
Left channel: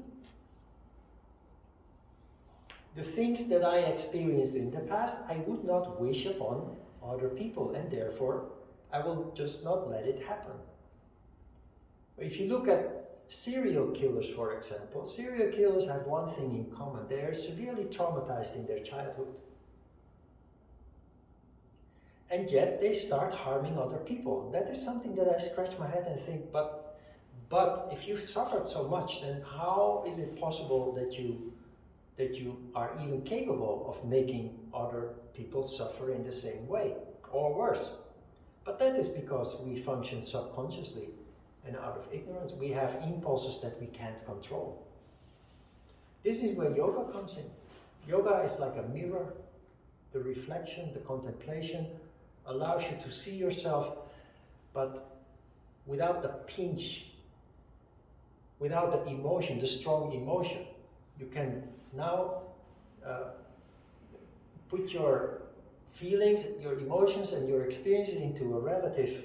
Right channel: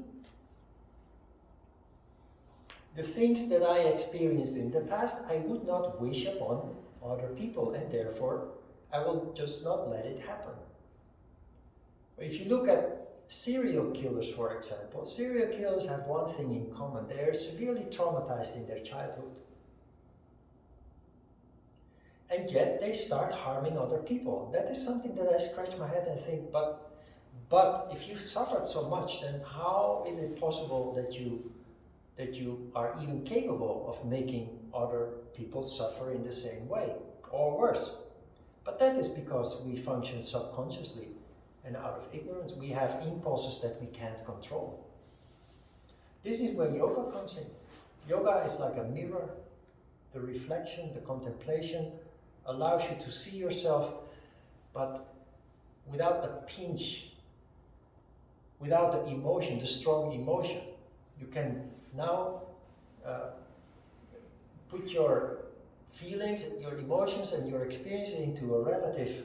the things that I experienced in the past, I would not wish upon other people, and therefore I will just not let it happen. If you look at serial killers, for example, serial killers have one thing in common: they are severely traumatized in their childhood. And yet they start harming other people. That is something that I scratch my head and think, but if you've suffered so much, then how is it possible that you are even capable of making other people suffer in the same way or worse? But that is because we function subconsciously and out of ignorance. We have impulses that we can't control. This is where yoga comes in. Yoga is like a mirror. The reflection, the contemplation allows you to see yourself, but without the pinch, without the emotion, the strong emotion. You can now put your feelings, your emotions, and your experiences into a relative,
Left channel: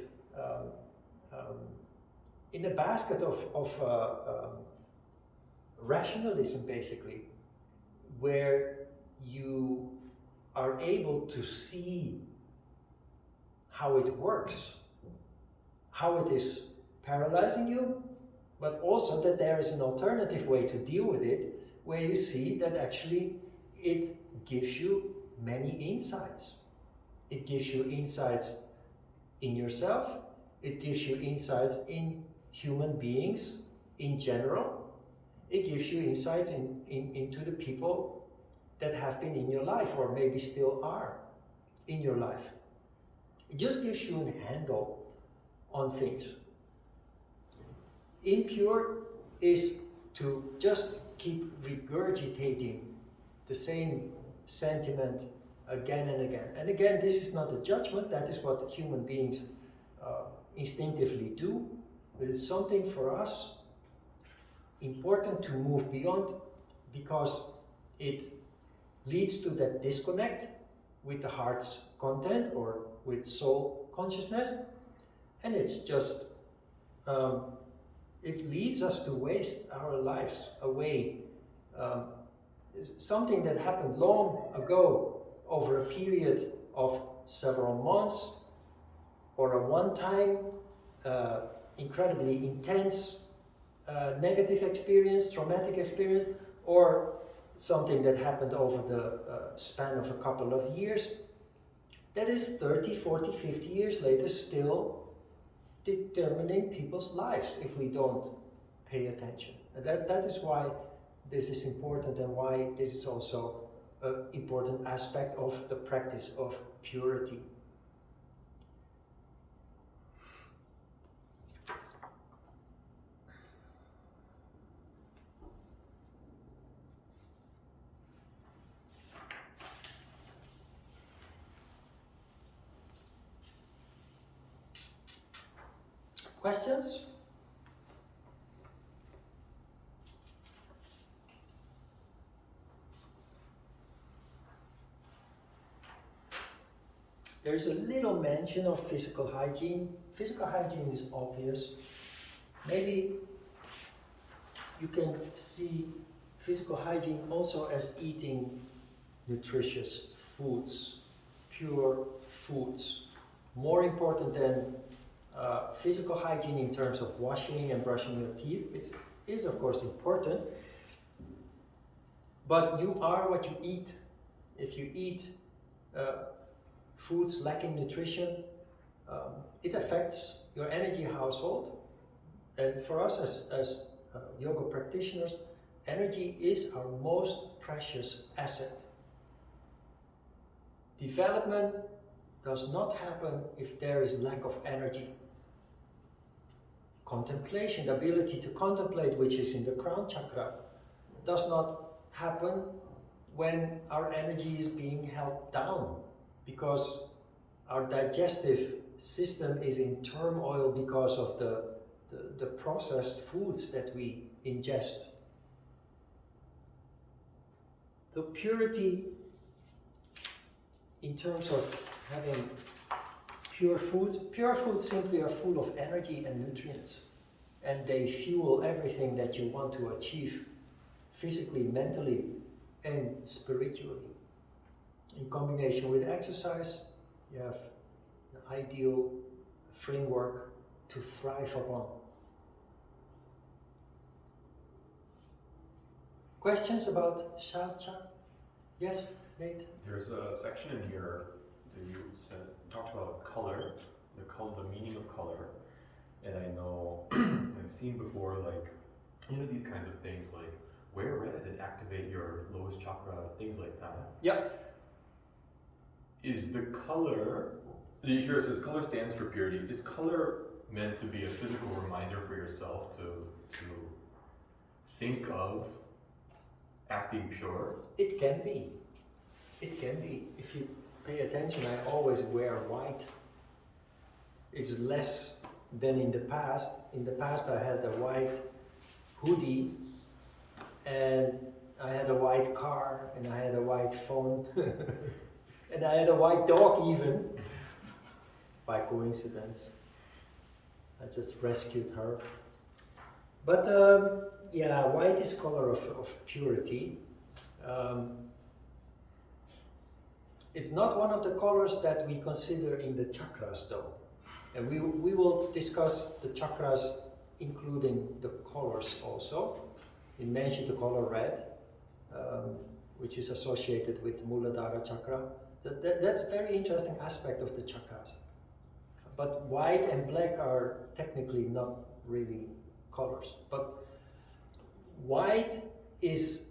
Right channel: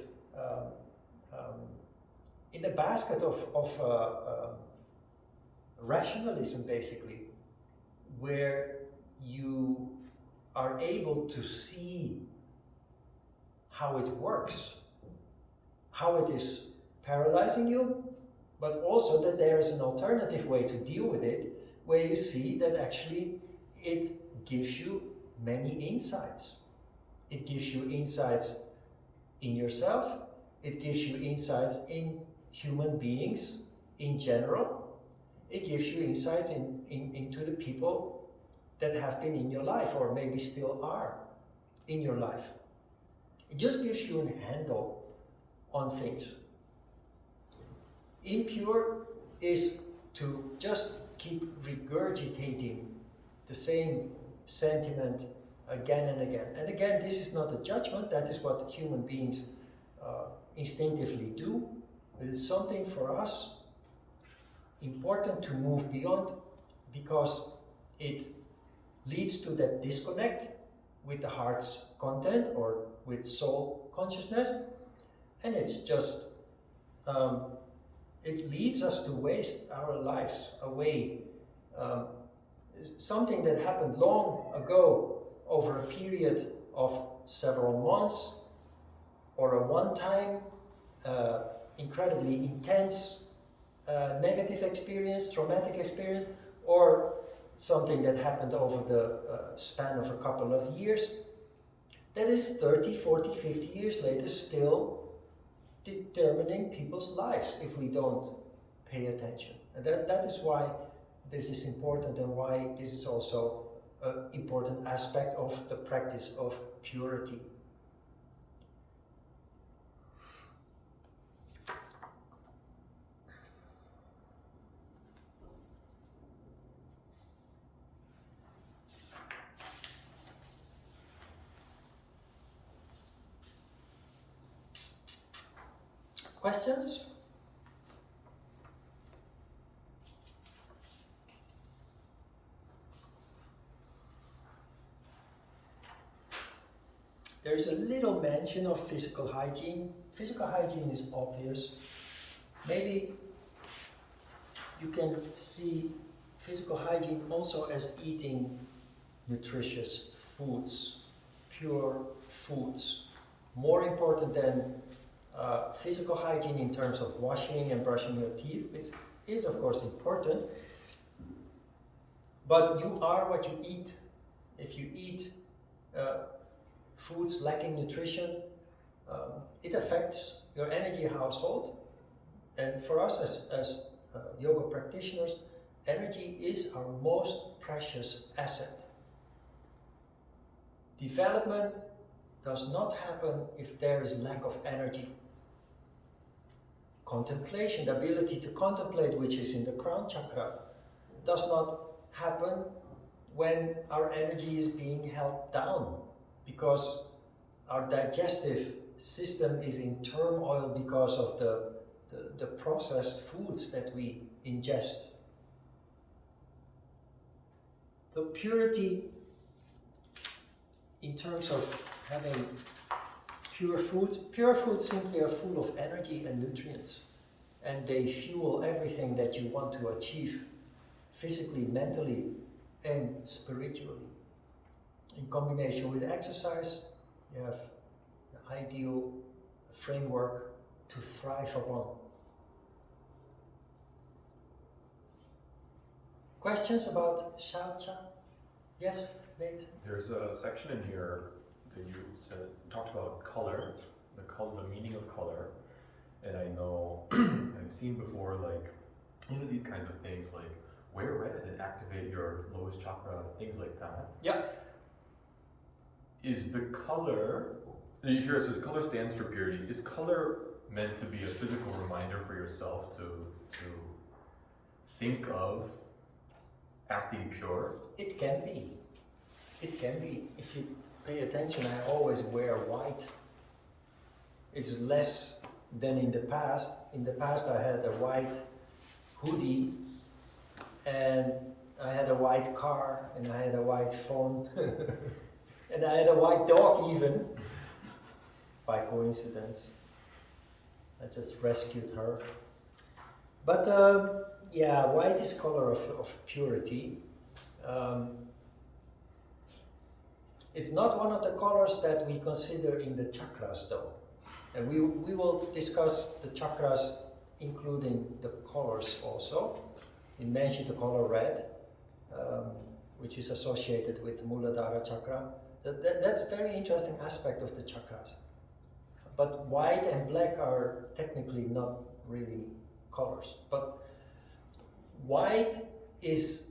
in a basket of rationalism, basically, where you are able to see how it works, how it is paralyzing you, but also that there is an alternative way to deal with it, where you see that actually it gives you many insights. It gives you insights in yourself, it gives you insights in human beings in general, it gives you insights into the people that have been in your life, or maybe still are in your life. It just gives you a handle on things. Impure is to just keep regurgitating the same sentiment again and again. And again, this is not a judgment, that is what human beings instinctively do. But it's something for us important to move beyond, because it leads to that disconnect with the heart's content or with soul consciousness, and it's just it leads us to waste our lives away. Something that happened long ago over a period of several months, or a one-time incredibly intense negative experience, traumatic experience, or something that happened over the span of a couple of years, that is 30, 40, 50 years later still determining people's lives if we don't pay attention. And that is why this is important, and why this is also an important aspect of the practice of purity. Questions? There is a little mention of physical hygiene. Physical hygiene is obvious. Maybe you can see physical hygiene also as eating nutritious foods, pure foods. More important than physical hygiene in terms of washing and brushing your teeth, which is of course important, but you are what you eat. If you eat foods lacking nutrition, it affects your energy household. And for us as yoga practitioners, energy is our most precious asset. Development does not happen if there is lack of energy. Contemplation, the ability to contemplate, which is in the crown chakra, does not happen when our energy is being held down, because our digestive system is in turmoil because of the processed foods that we ingest. The purity in terms of having pure foods simply are full of energy and nutrients, and they fuel everything that you want to achieve physically, mentally, and spiritually. In combination with exercise, you have the ideal framework to thrive upon. Questions about Shaucha? Yes, Nate? There's a section in here that you talked about color, the meaning of color, and I know I've seen before, like, these kinds of things, like wear red and activate your lowest chakra, things like that. Yep. Is the color, here it says color stands for purity. Is color meant to be a physical reminder for yourself to think of acting pure? It can be. It can be. If you pay attention, I always wear white. It's less than in the past. In the past I had a white hoodie, and I had a white car, and I had a white phone, and I had a white dog even, by coincidence. I just rescued her. But yeah, white is color of purity. It's not one of the colors that we consider in the chakras though. And we will discuss the chakras including the colors also. We mentioned the color red, which is associated with Muladhara chakra. That's a very interesting aspect of the chakras. But white and black are technically not really colors. But white is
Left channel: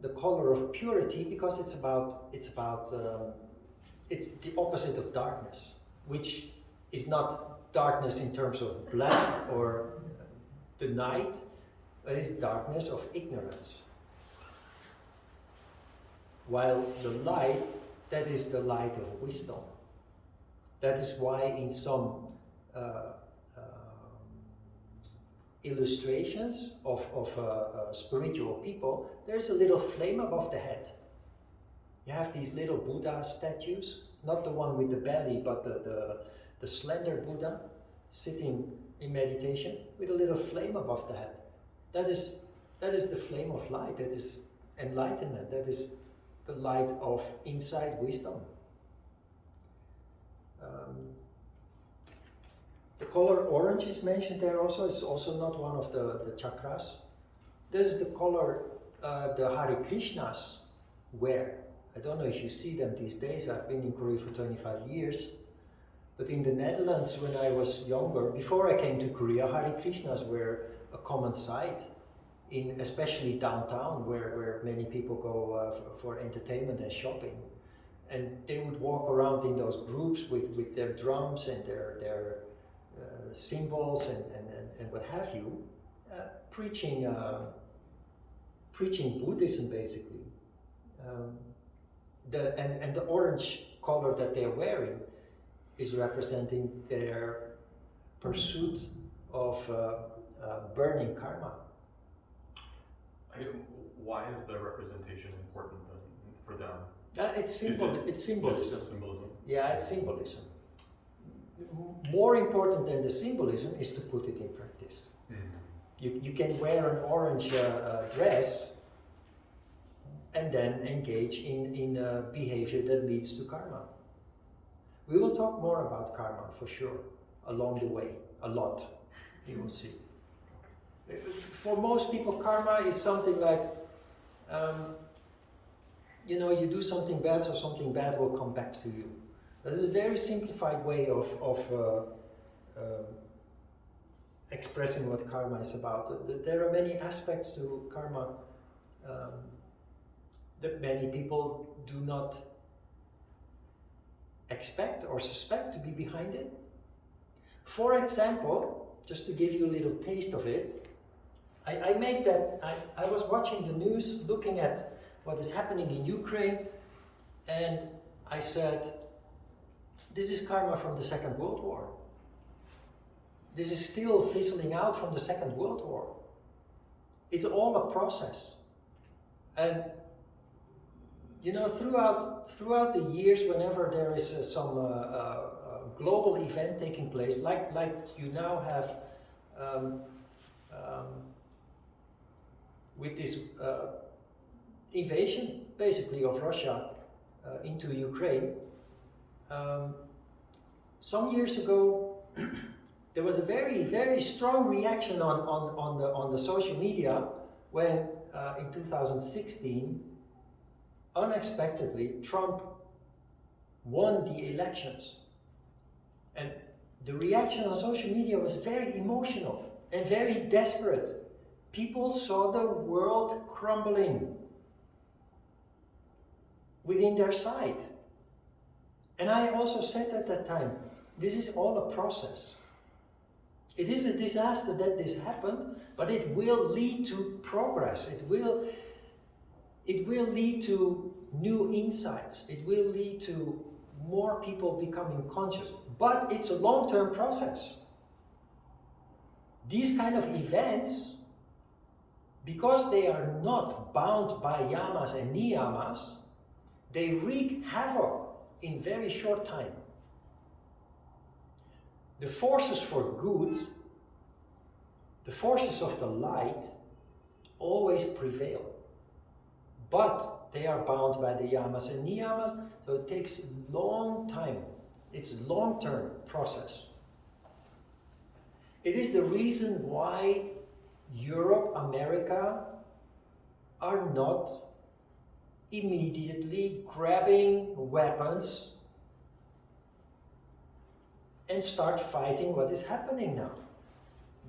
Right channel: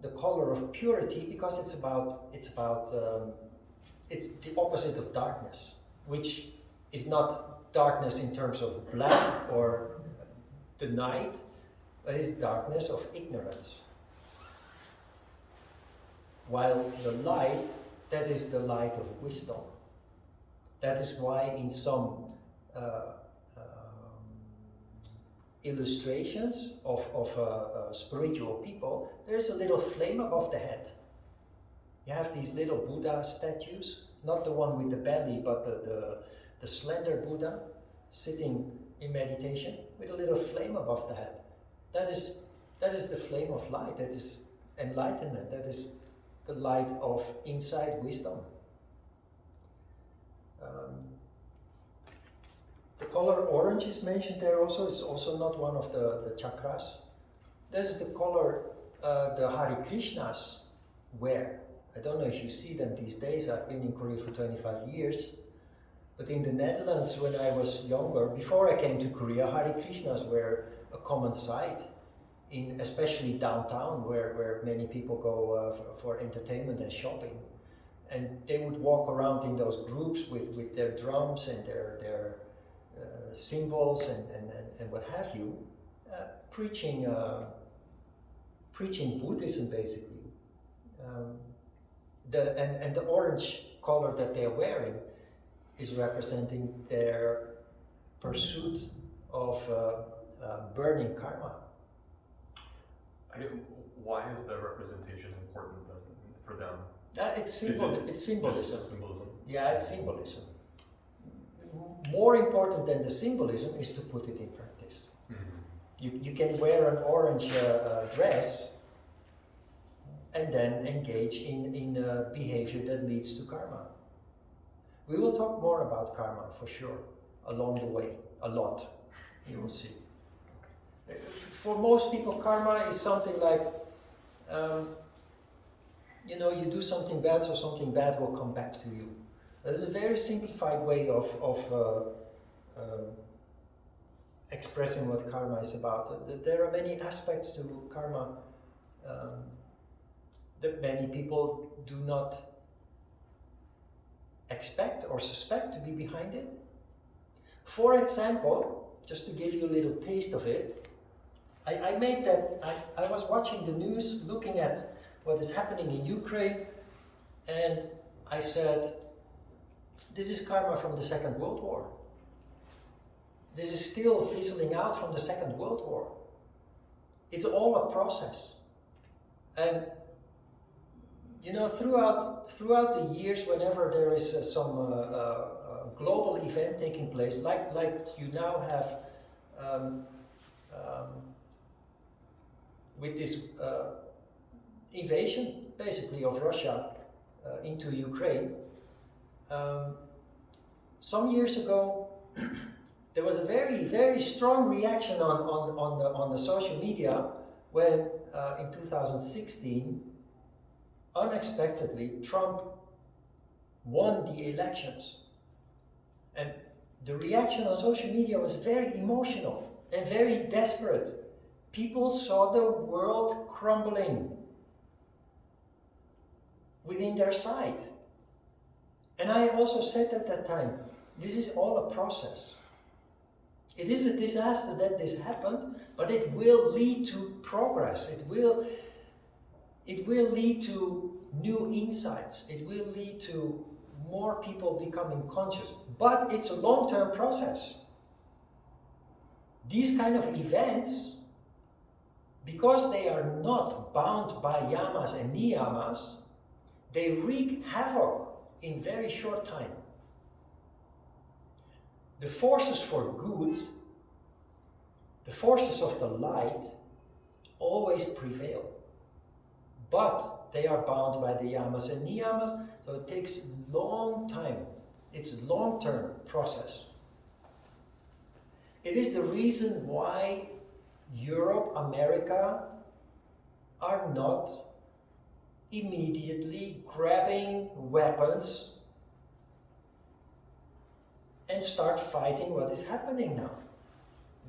the color of purity because it's the opposite of darkness, which is not darkness in terms of black or the night, but it's darkness of ignorance. While the light, that is the light of wisdom. That is why in some illustrations of spiritual people, there's a little flame above the head. You have these little Buddha statues, not the one with the belly, but the slender Buddha sitting in meditation with a little flame above the head. That is the flame of light. That is enlightenment. That is the light of inside wisdom. The color orange is mentioned there also. It's also not one of the chakras. This is the color the Hare Krishnas wear. I don't know if you see them these days. I've been in Korea for 25 years. But in the Netherlands, when I was younger, before I came to Korea, Hare Krishnas were a common sight, especially downtown, where many people go for entertainment and shopping. And they would walk around in those groups with their drums and their symbols and what have you, preaching Buddhism basically. The orange color that they're wearing is representing their pursuit of burning karma. Why is the representation important then for them? It's symbolism. Symbolism. Yeah, it's symbolism. More important than the symbolism is to put it in practice. Mm-hmm. You can wear an orange dress and then engage in behavior that leads to karma. We will talk more about karma for sure along the way, a lot. You will see. For most people, karma is something like, you do something bad, so something bad will come back to you. That is a very simplified way of expressing what karma is about. There are many aspects to karma that many people do not expect or suspect to be behind it. For example, just to give you a little taste of it, I was watching the news, looking at what is happening in Ukraine, and I said, this is karma from the Second World War. This is still fizzling out from the Second World War. It's all a process. And throughout the years, whenever there is some global event taking place, like you now have with this invasion, basically, of Russia into Ukraine. Some years ago, there was a very, very strong reaction on the social media when in 2016, unexpectedly, Trump won the elections. And the reaction on social media was very emotional and very desperate. People saw the world crumbling within their sight. And I also said at that time, this is all a process. It is a disaster that this happened, but it will lead to progress. It will lead to new insights. It will lead to more people becoming conscious. But it's a long-term process. These kind of events, because they are not bound by yamas and niyamas, they wreak havoc in very short time. The forces for good, the forces of the light, always prevail. But they are bound by the yamas and niyamas, so it takes a long time. It's a long-term process. It is the reason why Europe, America are not immediately grabbing weapons and start fighting what is happening now.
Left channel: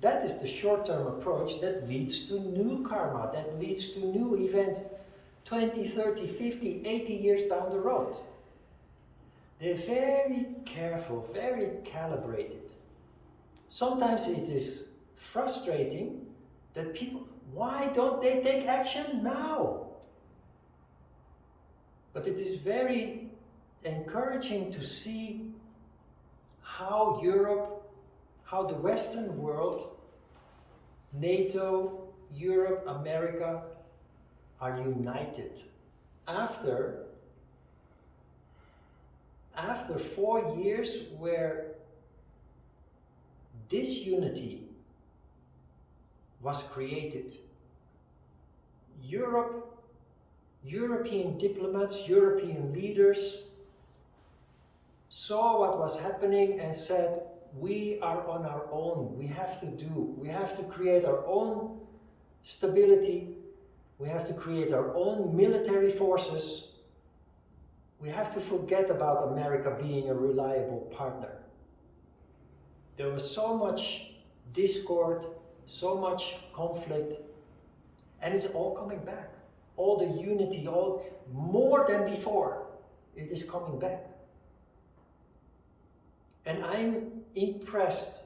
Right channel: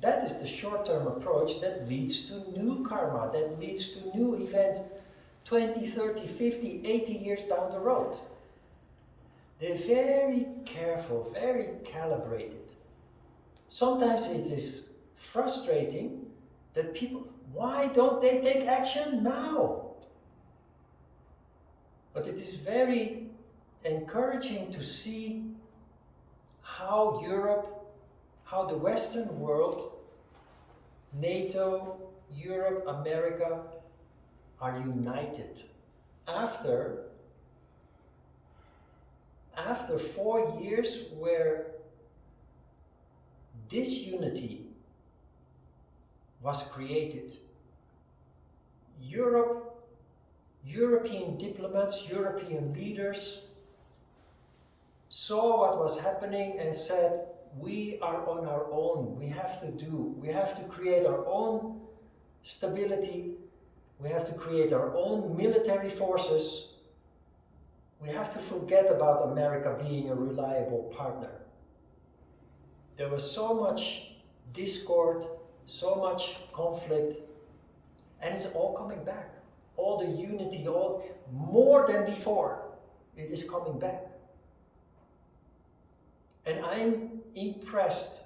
That is the short-term approach that leads to new karma, that leads to new events. 20, 30, 50, 80 years down the road. They're very careful, very calibrated. Sometimes it is frustrating that people, why don't they take action now? But it is very encouraging to see how Europe, how the Western world, NATO, Europe, America are united after 4 years where disunity was created. European diplomats, European leaders saw what was happening and said, we are on our own, we have to create our own stability, we have to create our own military forces, we have to forget about America being a reliable partner. There was so much discord, so much conflict, and it's all coming back. All the unity, all more than before, it is coming back. And I'm impressed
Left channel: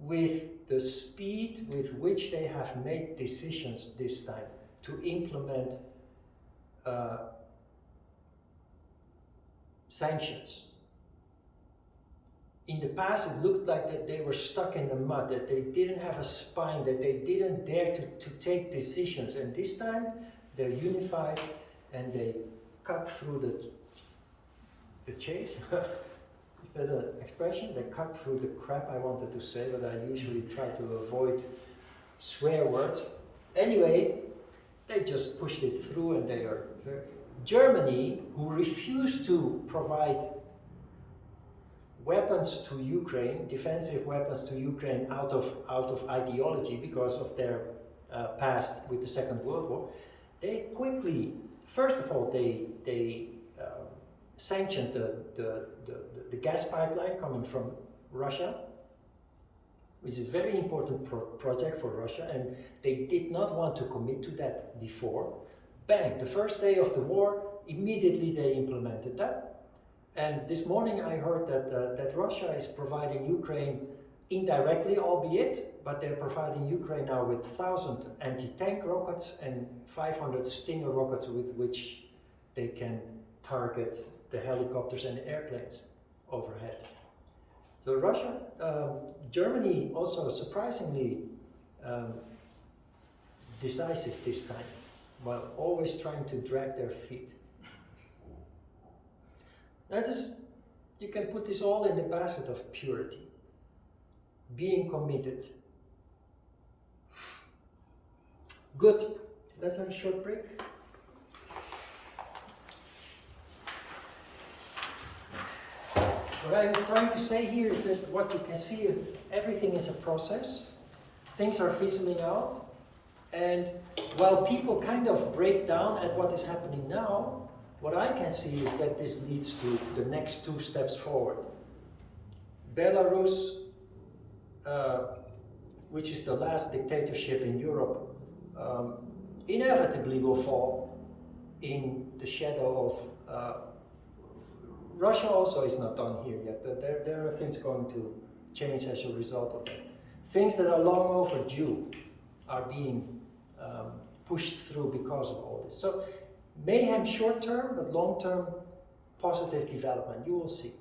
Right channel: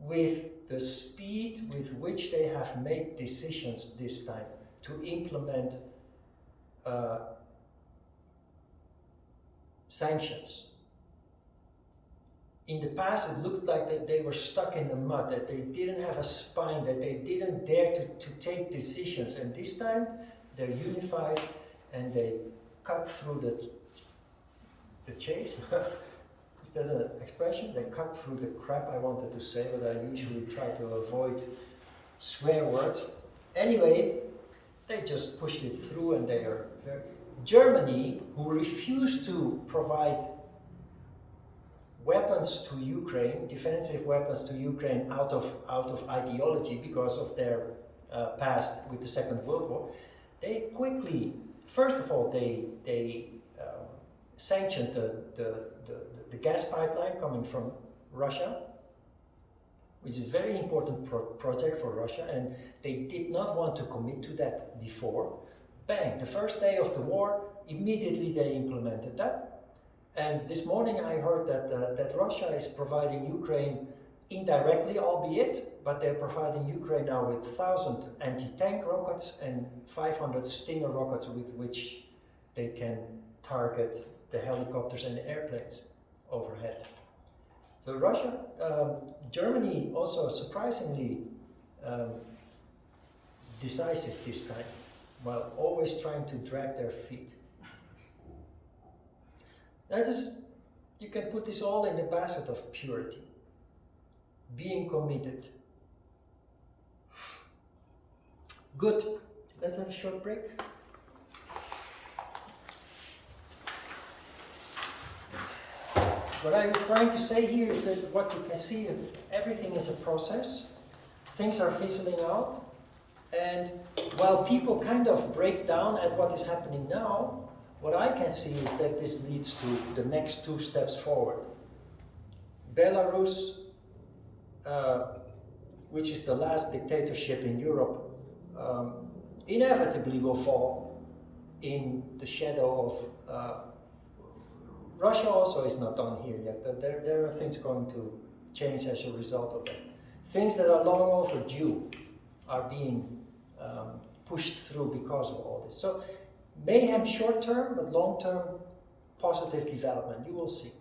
with the speed with which they have made decisions this time to implement sanctions. In the past, it looked like that they were stuck in the mud, that they didn't have a spine, that they didn't dare to take decisions. And this time, they're unified and they cut through the chase. Is that an expression? They cut through the crap, I wanted to say, but I usually try to avoid swear words. Anyway, they just pushed it through and they are very... Germany, who refused to provide weapons to Ukraine, defensive weapons to Ukraine out of ideology because of their past with the Second World War, they quickly, first of all, they sanctioned the gas pipeline coming from Russia, which is a very important project for Russia, and they did not want to commit to that before. Bang, the first day of the war, immediately they implemented that. And this morning I heard that Russia is providing Ukraine indirectly, albeit, but they're providing Ukraine now with 1,000 anti-tank rockets and 500 Stinger rockets with which they can target the helicopters and the airplanes overhead. So Germany also surprisingly decisive this time, while always trying to drag their feet. That is, you can put this all in the basket of purity, being committed. Good, let's have a short break. What I'm trying to say here is that what you can see is that everything is a process. Things are fizzling out. And while people kind of break down at what is happening now, what I can see is that this leads to the next 2 steps forward. Belarus, which is the last dictatorship in Europe, inevitably will fall in the shadow of Russia also is not done here yet. There are things going to change as a result of that. Things that are long overdue are being pushed through because of all this. So mayhem short term, but long term positive development. You will see.